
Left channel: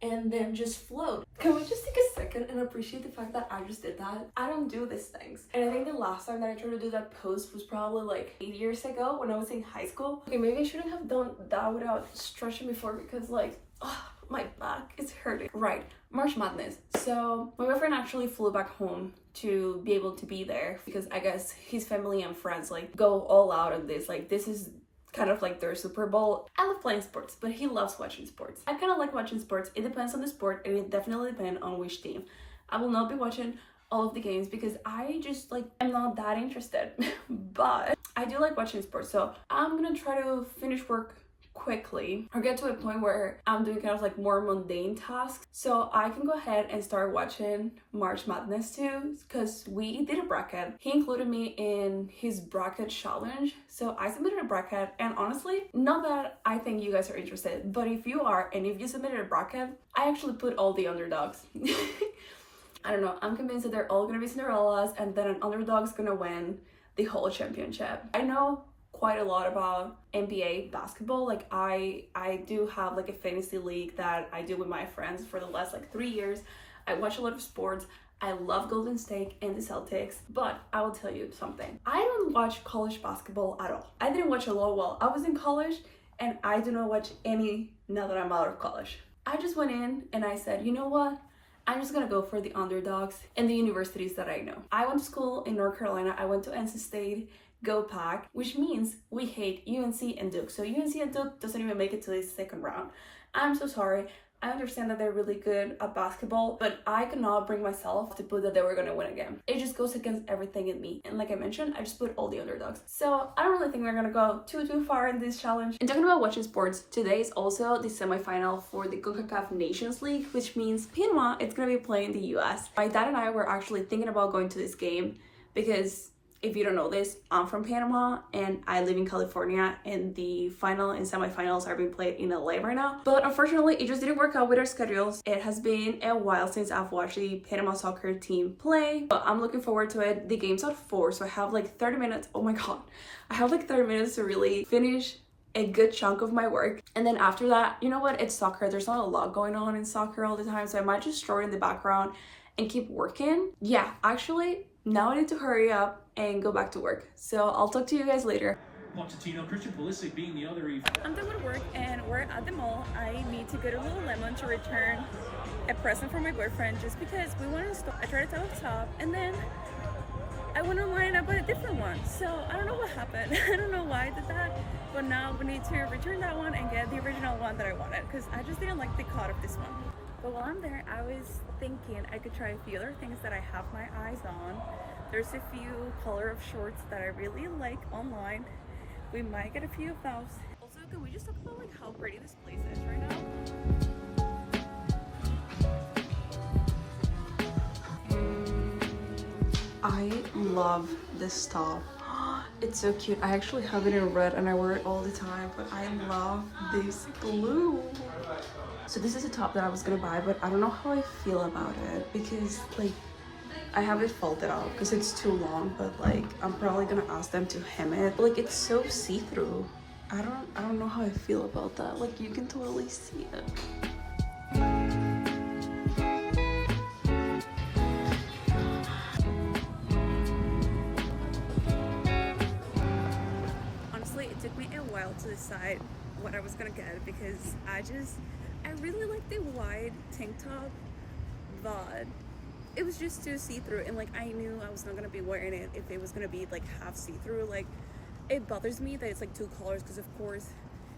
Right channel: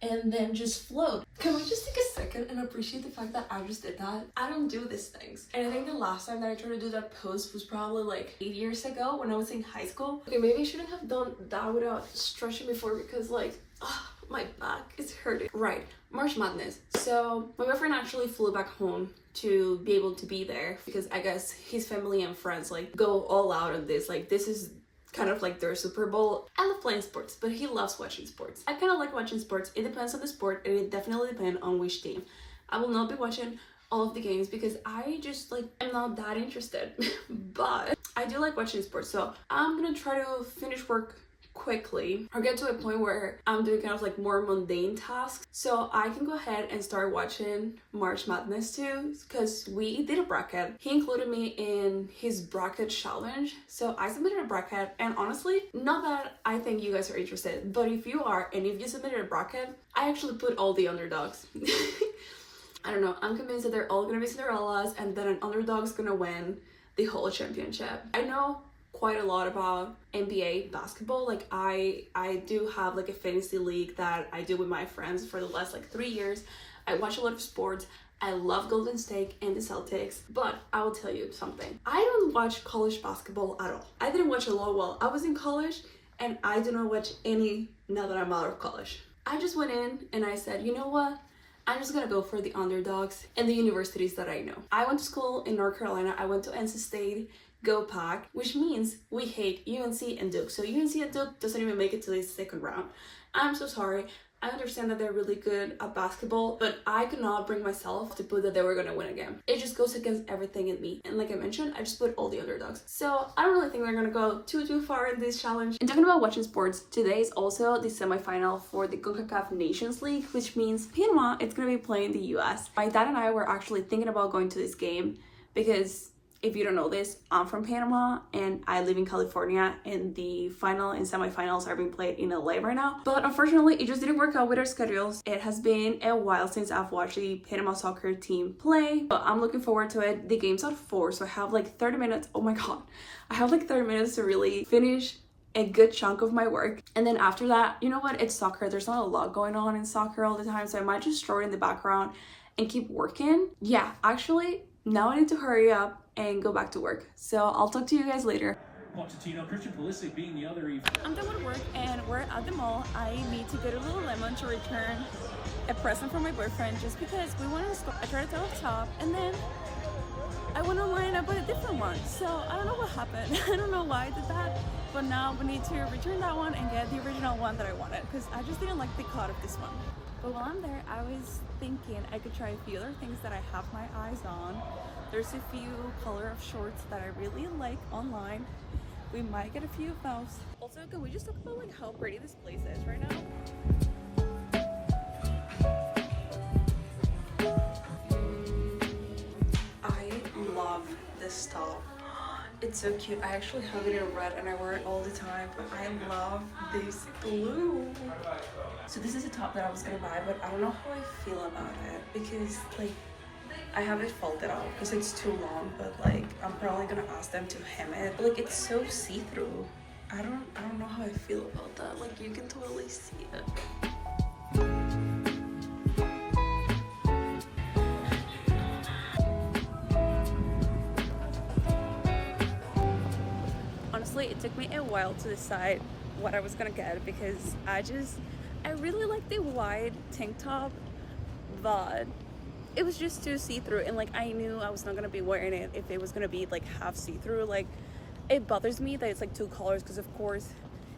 and then just float. Can we just take a second and appreciate the fact that I just did that? I don't do these things. And I think the last time that I tried to do that pose was probably like 8 years ago when I was in high school. Okay, maybe I shouldn't have done that without stretching before, because like, my back is hurting. Right, March Madness. So my boyfriend actually flew back home to be able to be there, because I guess his family and friends like go all out on this. Like this is kind of like their Super Bowl. I love playing sports, but he loves watching sports. I kind of like watching sports. It depends on the sport, and it definitely depends on which team. I will not be watching all of the games because I just like am not that interested. But I do like watching sports, so I'm gonna try to finish work quickly or get to a point where I'm doing kind of like more mundane tasks so I can go ahead and start watching March Madness too, because we did a bracket. He included me in his bracket challenge, so I submitted a bracket, and honestly, not that I think you guys are interested, but if you are and if you submitted a bracket, I actually put all the underdogs. I don't know, I'm convinced that they're all gonna be Cinderellas and then an underdog's gonna win the whole championship. I know quite a lot about NBA basketball. Like I do have like a fantasy league that I do with my friends for the last like 3 years. I watch a lot of sports. I love Golden State and the Celtics, but I will tell you something. I don't watch college basketball at all. I didn't watch a lot while I was in college, and I do not watch any now that I'm out of college. I just went in and I said, you know what? I'm just gonna go for the underdogs and the universities that I know. I went to school in North Carolina. I went to NC State, Go Pack, which means we hate UNC and Duke. So UNC and Duke doesn't even make it to the second round. I'm so sorry. I understand that they're really good at basketball, but I could not bring myself to put that they were gonna win again. It just goes against everything in me. And like I mentioned, I just put all the underdogs. So I don't really think they're gonna go too far in this challenge. And talking about watching sports, today is also the semifinal for the CONCACAF Nations League, which means Panama, it's gonna be playing the US. My dad and I were actually thinking about going to this game because if you don't know this, I'm from Panama and I live in California, and the final and semifinals are being played in LA right now. But unfortunately, it just didn't work out with our schedules. It has been a while since I've watched the Panama soccer team play, but I'm looking forward to it. The game's at 4, so I have like 30 minutes. Oh my God. I have like 30 minutes to really finish a good chunk of my work. And then after that, you know what? It's soccer. There's not a lot going on in soccer all the time, so I might just throw it in the background and keep working. Yeah, actually, now I need to hurry up and go back to work. So I'll talk to you guys later. Christian Pulisic being the other. I'm done with work and we're at the mall. I need to go to Lululemon to return a present for my boyfriend just because we wanted a tarot top, and then I went online and I bought a different one. So I don't know what happened. I don't know why I did that, but now we need to return that one and get the original one that I wanted because I just didn't like the cut of this one. But while I'm there, I was thinking I could try a few other things that I have my eyes on. There's a few color of shorts that I really like online. We might get a few of those. Also, can we just talk about like how pretty this place is right now? I love this top. It's so cute. I actually have it in red and I wear it all the time, but I love this blue. So this is a top that I was gonna buy, but I don't know how I feel about it because like I have it folded out because it's too long, but like I'm probably gonna ask them to hem it. Like it's so see-through. I don't know how I feel about that. Like you can totally see it. Honestly, it took me a while to decide what I was gonna get because I really like the wide tank top, but it was just too see-through, and like I knew I was not gonna be wearing it if it was gonna be like half see-through. Like it bothers me that it's like 2 colors because of course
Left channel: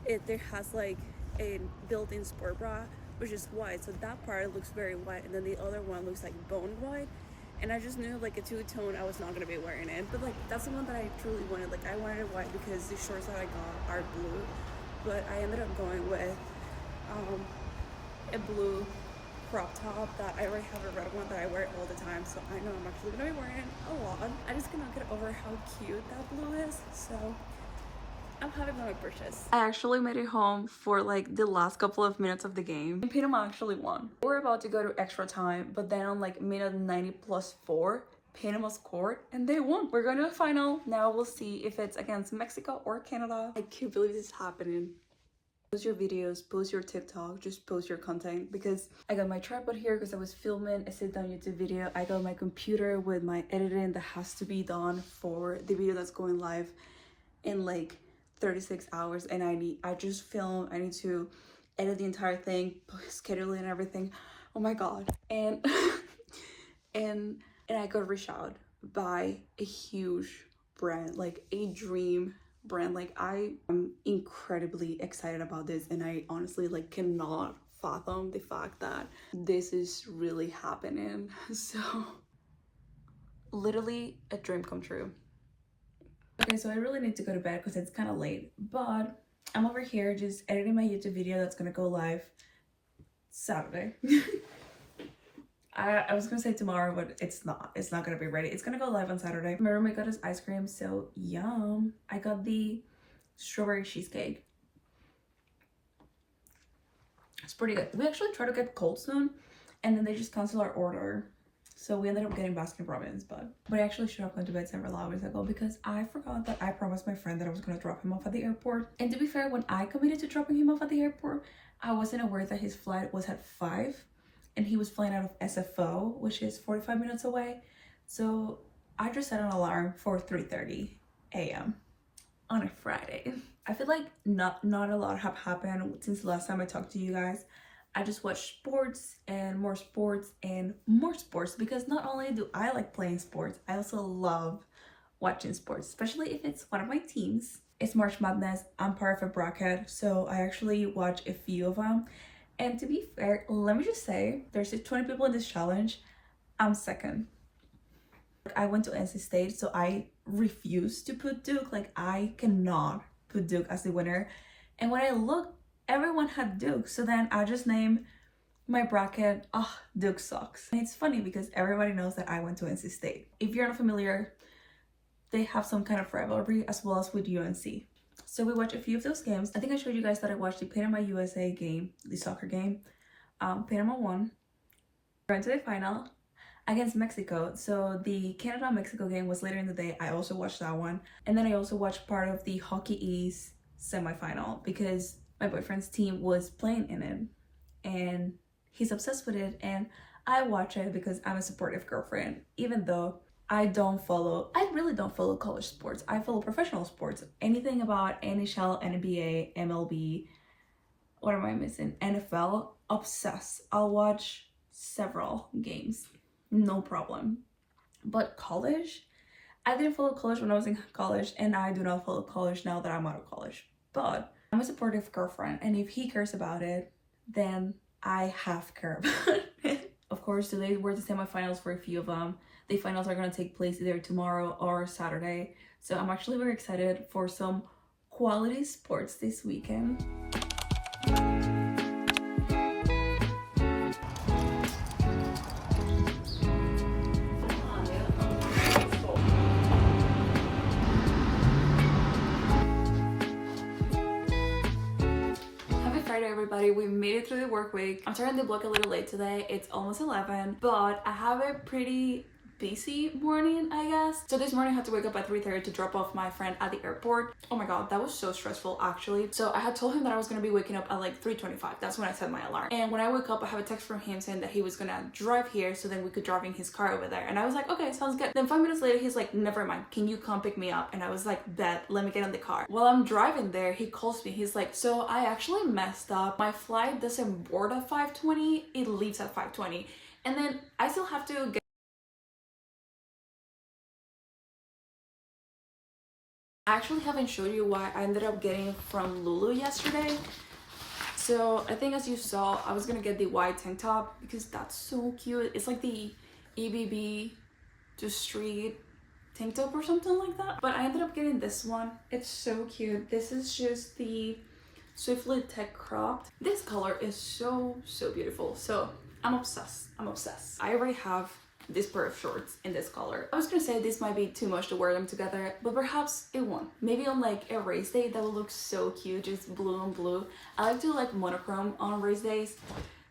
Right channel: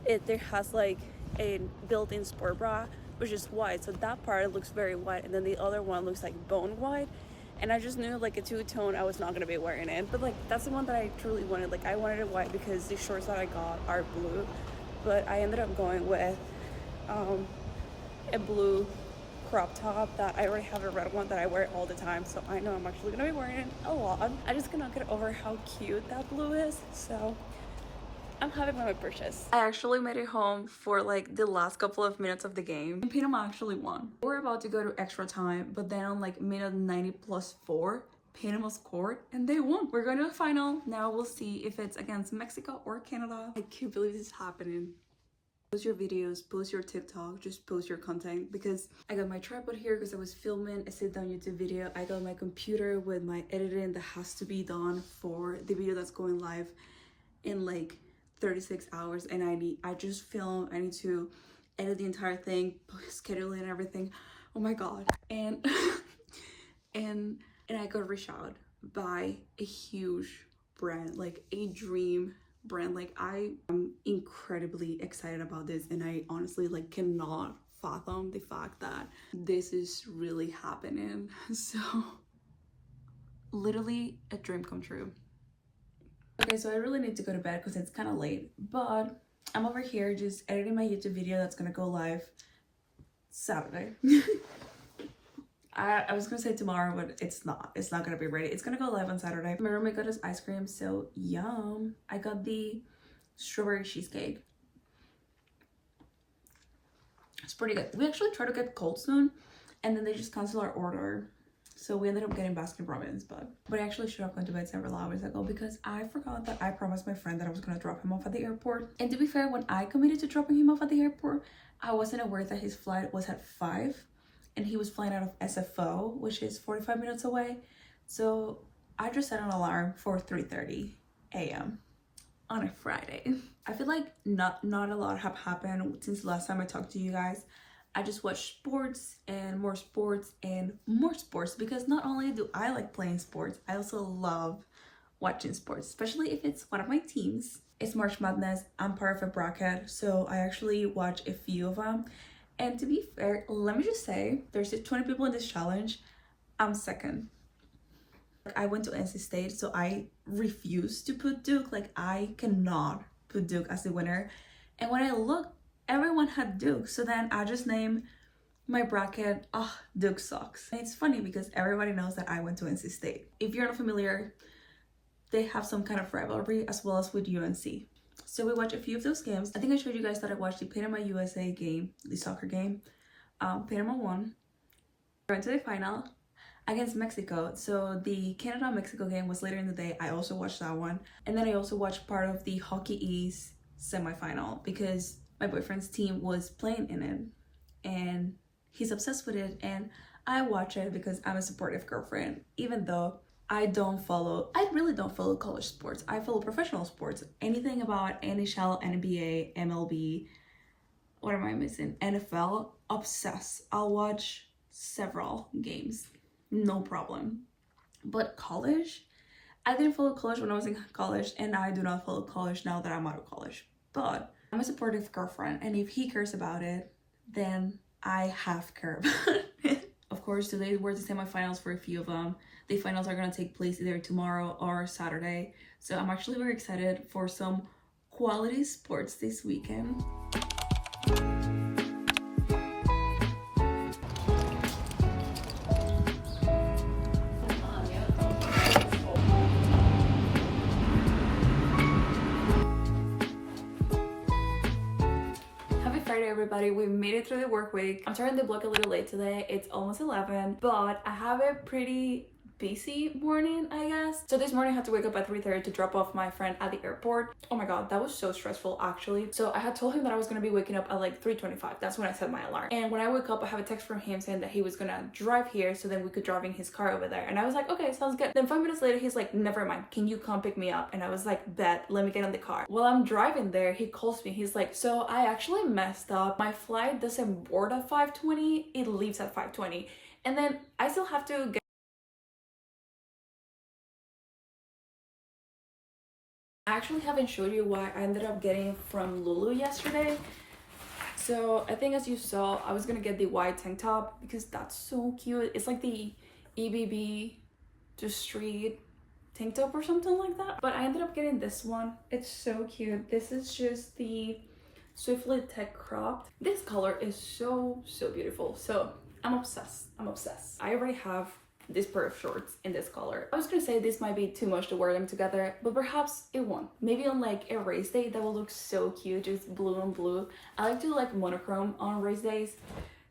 there has like a built-in sport bra which is white, so that part looks very white, and then the other one looks like bone white, and I just knew like a 2-tone I was not gonna be wearing it. But like that's the one that I truly wanted. Like I wanted it white because the shorts that I got are blue, but I ended up going with a blue crop top that I already have a red one that I wear all the time, so I know I'm actually gonna be wearing it a lot. I just cannot get over how cute that blue is, so I'm happy with my purchase. I actually made it home for like the last couple of minutes of the game, and Panama actually won. We're about to go to extra time, but then on like minute 90+4, Panama scored and they won. We're going to the final. Now we'll see if it's against Mexico or Canada. I can't believe this is happening. Post your videos, post your TikTok, just post your content, because I got my tripod here because I was filming a sit-down YouTube video. I got my computer with my editing that has to be done for the video that's going live in like 36 hours, and I just filmed. I need to edit the entire thing, schedule it and everything. Oh my God. And and I got reached out by a huge brand, like a dream brand. Like, I am incredibly excited about this, and I honestly like cannot fathom the fact that this is really happening. So literally a dream come true. Okay, so I really need to go to bed because it's kind of late, but I'm over here just editing my YouTube video that's gonna go live Saturday. I was gonna say tomorrow, but it's not gonna be ready. It's gonna go live on Saturday. My roommate got us ice cream, so yum. I got the strawberry cheesecake. It's pretty good. We actually tried to get Cold Stone, and then they just canceled our order. So we ended up getting Baskin Robbins, but I actually should have gone to bed several hours ago because I forgot that I promised my friend that I was gonna drop him off at the airport. And to be fair, when I committed to dropping him off at the airport, I wasn't aware that his flight was at 5 and he was flying out of SFO, which is 45 minutes away. So I just set an alarm for 3:30 a.m. on a Friday. I feel like not a lot have happened since the last time I talked to you guys. I just watch sports and more sports and more sports because not only do I like playing sports, I also love watching sports, especially if it's one of my teams. It's March Madness. I'm part of a bracket, so I actually watch a few of them. And to be fair, let me just say, there's 20 people in this challenge. I'm second. I went to NC State, so I refuse to put Duke. Like, I cannot put Duke as the winner. And when I looked, everyone had Duke, so then I just named my bracket, Duke sucks. And it's funny because everybody knows that I went to NC State. If you're not familiar, they have some kind of rivalry as well as with UNC. So we watched a few of those games. I think I showed you guys that I watched the Panama USA game, the soccer game. Panama won. We went to the final against Mexico. So the Canada-Mexico game was later in the day. I also watched that one. And then I also watched part of the Hockey East semifinal because my boyfriend's team was playing in it and he's obsessed with it, and I watch it because I'm a supportive girlfriend, even though I really don't follow college sports. I follow professional sports. Anything about NHL, NBA, MLB, what am I missing? NFL, obsessed. I'll watch several games, no problem. But college, I didn't follow college when I was in college, and I do not follow college now that I'm out of college. But I'm a supportive girlfriend, and if he cares about it, then I have care about it. Of course, today were the semifinals for a few of them. The finals are going to take place either tomorrow or Saturday. So I'm actually very excited for some quality sports this weekend. Everybody, we made it through the work week. I'm starting the vlog a little late today. It's almost 11, but I have a pretty busy morning, I guess. So this morning I had to wake up at 3:30 to drop off my friend at the airport. Oh my god, that was so stressful actually. So I had told him that I was gonna be waking up at like 3:25. That's when I set my alarm. And when I woke up, I have a text from him saying that he was gonna drive here so then we could drive in his car over there. And I was like, okay, sounds good. Then 5 minutes later, he's like, never mind, can you come pick me up? And I was like, bet, let me get in the car. While I'm driving there, he calls me. He's like, so I actually messed up. My flight doesn't board at 5:20, it leaves at 5:20. And then I still have to get I actually haven't showed you why I ended up getting it from Lulu yesterday. So I think as you saw, I was gonna get the white tank top because that's so cute. It's like the EBB to street tank top or something like that. But I ended up getting this one. It's so cute. This is just the Swiftly Tech cropped. This color is so beautiful. So I'm obsessed. I already have this pair of shorts in this color. I was gonna say this might be too much to wear them together, but perhaps it won't. Maybe on like a race day that will look so cute, just blue on blue. I like to like monochrome on race days,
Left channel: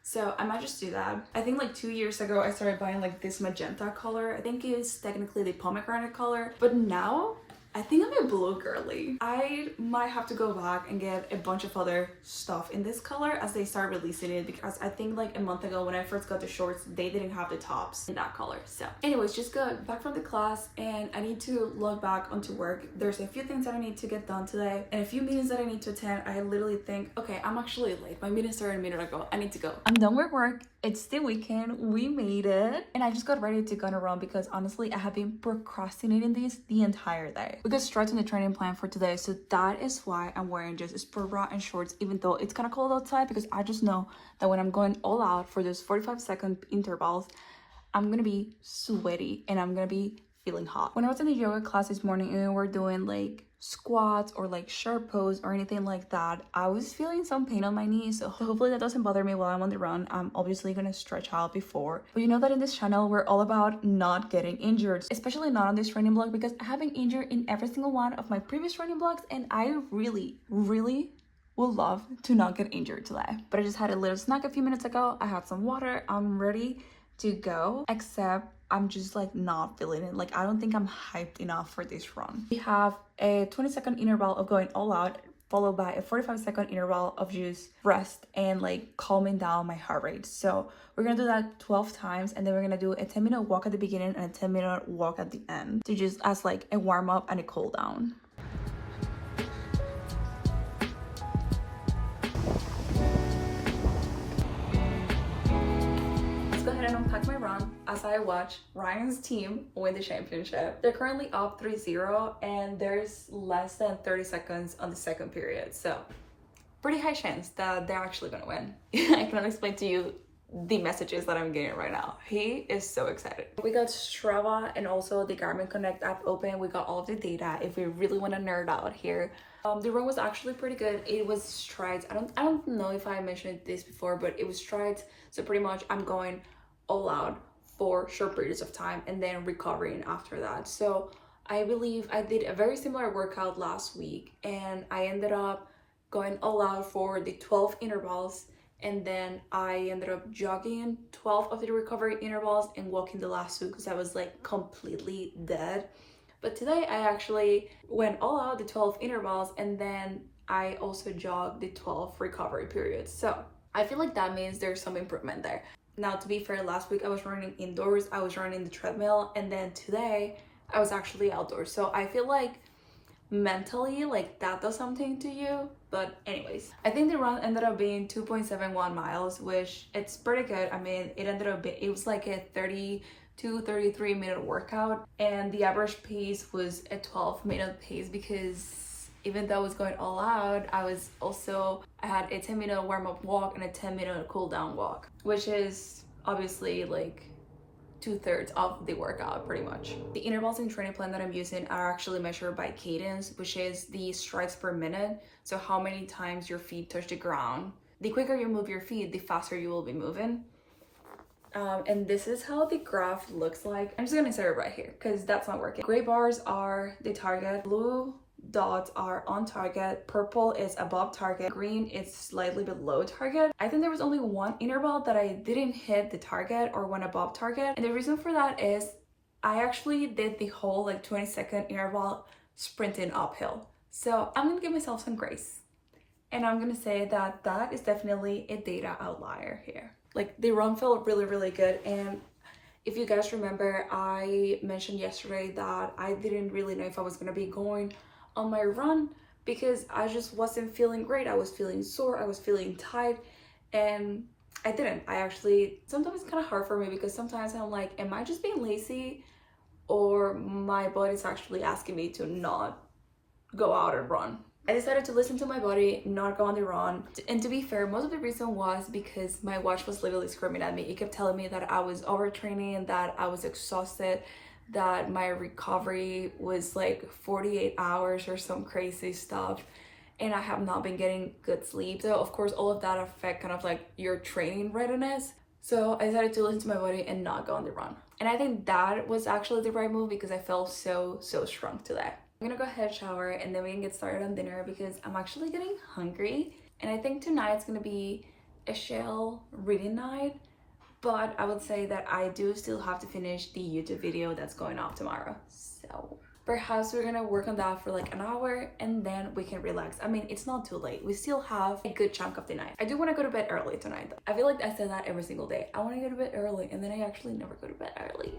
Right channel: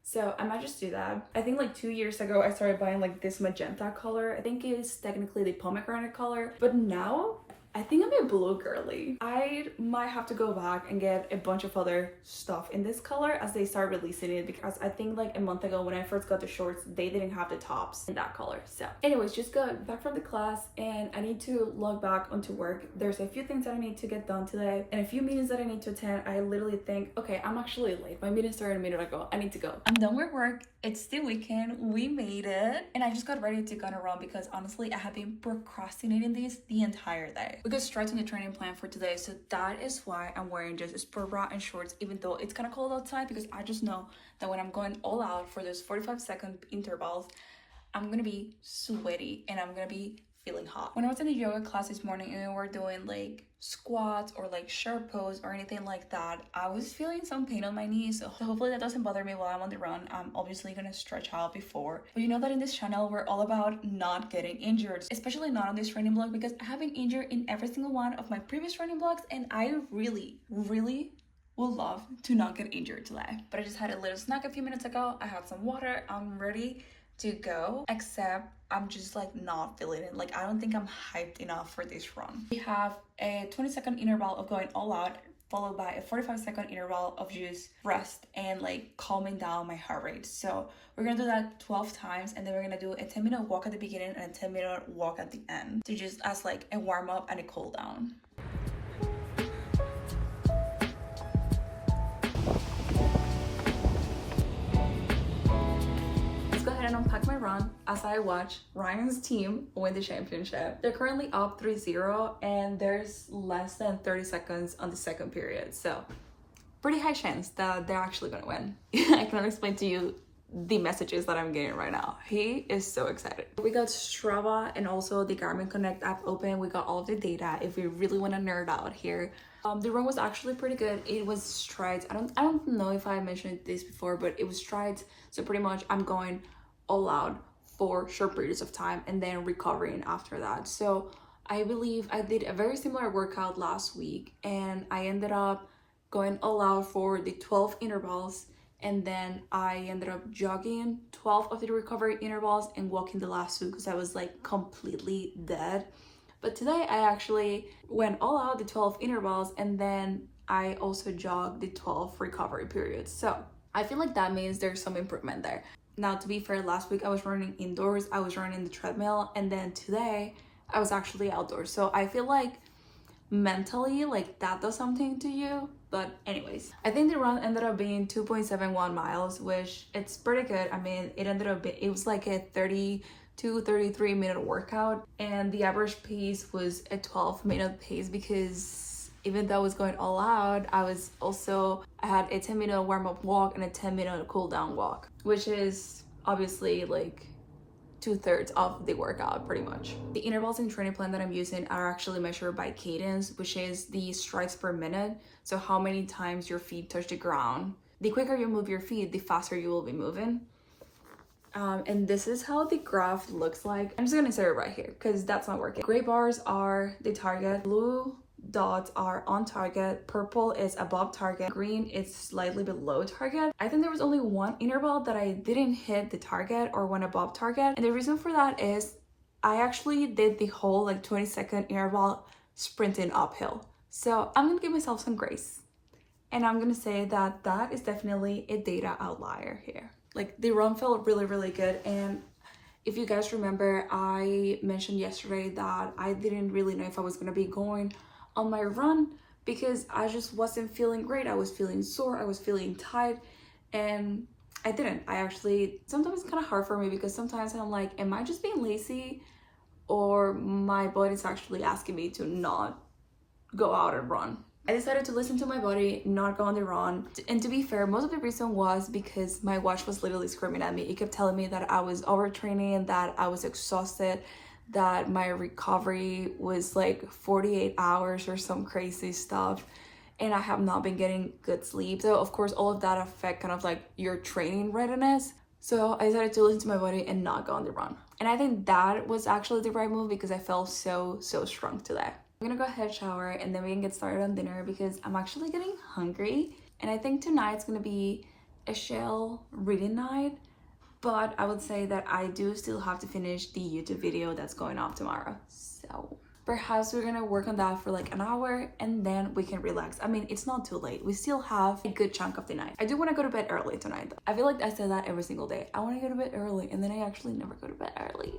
so I might just do that. I think like 2 years ago I started buying like this magenta color. I think it's technically the pomegranate color, but now I think I'm a blue girly. I might have to go back and get a bunch of other stuff in this color as they start releasing it, because I think like a month ago when I first got the shorts, they didn't have the tops in that color. So anyways, just got back from the class and I need to log back onto work. There's a few things that I need to get done today and a few meetings that I need to attend. I literally think, okay, I'm actually late. My meeting started a minute ago. I need to go. I'm done with work It's the weekend, we made it, and I just got ready to go on a run because honestly I have been procrastinating this the entire day. We got straight to the training plan for today, so that is why I'm wearing just a sport bra and shorts even though it's kind of cold outside, because I just know that when I'm going all out for those 45-second intervals, I'm gonna be sweaty and I'm gonna be feeling hot. When I was in the yoga class this morning and we were doing like squats or like sharp pose or anything like that, I was feeling some pain on my knees, so hopefully that doesn't bother me while I'm on the run. I'm obviously gonna stretch out before, but you know that in this channel we're all about not getting injured, especially not on this training block, because I have been injured in every single one of my previous training blocks and I really would love to not get injured today. But I just had a little snack a few minutes ago, I had some water, I'm ready to go, except I'm just like not feeling it. Like I don't think I'm hyped enough for this run. We have a 20-second interval of going all out, followed by a 45-second interval of just rest and like calming down my heart rate. So we're gonna do that 12 times, and then we're gonna do a 10-minute walk at the beginning and a 10-minute walk at the end to just as like a warm up and a cool down. And unpack my run as I watch Ryan's team win the championship. They're currently up 3-0 and there's less than 30 seconds on the second period, so pretty high chance that they're actually gonna win. I cannot explain to you the messages that I'm getting right now. He is so excited. We got Strava and also the Garmin Connect app open. We got all of the data if we really want to nerd out here. The run was actually pretty good. It was strides. I don't know if I mentioned this before, but it was strides. So pretty much I'm going all out for short periods of time and then recovering after that. So I believe I did a very similar workout last week and I ended up going all out for the 12 intervals, and then I ended up jogging 12 of the recovery intervals and walking the last two because I was like completely dead. But today I actually went all out the 12 intervals and then I also jogged the 12 recovery periods. So I feel like that means there's some improvement there. Now, to be fair, last week I was running indoors, I was running the treadmill, and then today I was actually outdoors. So I feel like mentally, like that does something to you. But anyways, I think the run ended up being 2.71 miles, which it's pretty good. I mean, it was like a 33 minute workout, and the average pace was a 12-minute pace because even though I was going all out, I had a 10-minute warm-up walk and a 10-minute cool-down walk, which is obviously like 2/3 of the workout pretty much. The intervals in training plan that I'm using are actually measured by cadence, which is the strides per minute. So how many times your feet touch the ground. The quicker you move your feet, the faster you will be moving. And this is how the graph looks like. I'm just gonna start it right here because that's not working. Gray bars are the target, blue dots are on target, purple is above target, green is slightly below target. I think there was only one interval that I didn't hit the target or went above target, and the reason for that is I actually did the whole like 20-second interval sprinting uphill. So I'm gonna give myself some grace, and I'm gonna say that that is definitely a data outlier here. Like the run felt really good, and if you guys remember, I mentioned yesterday that I didn't really know if I was gonna be going on my run because I just wasn't feeling great. I was feeling sore, I was feeling tight, and I didn't. Sometimes it's kind of hard for me because sometimes I'm like, am I just being lazy or my body's actually asking me to not go out and run? I decided to listen to my body, not go on the run. And to be fair, most of the reason was because my watch was literally screaming at me. It kept telling me that I was overtraining, that I was exhausted, that my recovery was like 48 hours or some crazy stuff, and I have not been getting good sleep. So of course all of that affect kind of like your training readiness. So I decided to listen to my body and not go on the run, and I think that was actually the right move because I felt so strong today. I'm gonna go ahead, shower, and then we can get started on dinner because I'm actually getting hungry, and I think tonight's gonna be a shell reading night. But I would say that I do still have to finish the YouTube video that's going off tomorrow. So perhaps we're gonna work on that for like an hour and then we can relax. I mean, it's not too late. We still have a good chunk of the night. I do want to go to bed early tonight though. I feel like I say that every single day. I want to go to bed early and then I actually never go to bed early.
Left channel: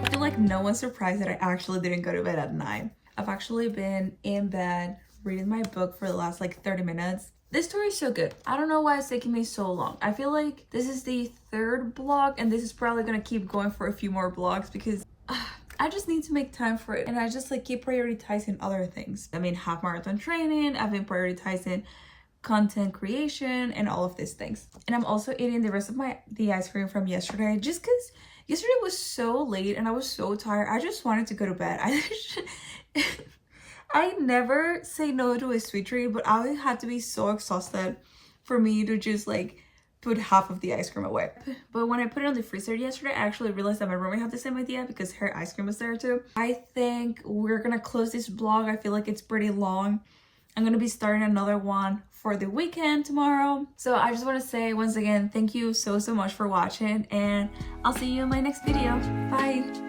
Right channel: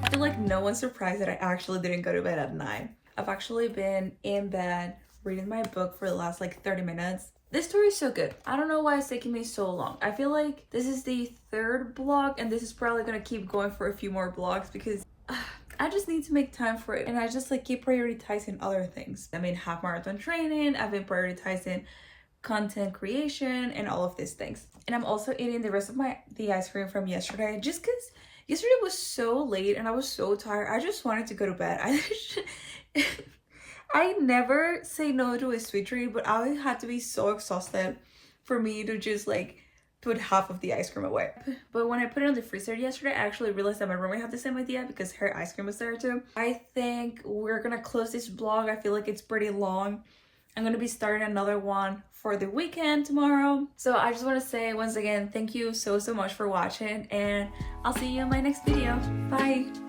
I feel like no one's surprised that I actually didn't go to bed at 9. I've actually been in bed reading my book for the last like 30 minutes. This story is so good. I don't know why it's taking me so long. I feel like this is the 3rd blog and this is probably gonna keep going for a few more blogs because I just need to make time for it, and I just like keep prioritizing other things. I mean, half marathon training, I've been prioritizing content creation and all of these things. And I'm also eating the rest of the ice cream from yesterday just because yesterday was so late and I was so tired. I just wanted to go to bed. I never say no to a sweet treat, but I had to be so exhausted for me to just like put half of the ice cream away. But when I put it on the freezer yesterday, I actually realized that my roommate had the same idea because her ice cream was there too. I think we're gonna close this vlog. I feel like it's pretty long. I'm gonna be starting another one for the weekend tomorrow. So I just want to say once again, thank you so much for watching, and I'll see you in my next video. Bye.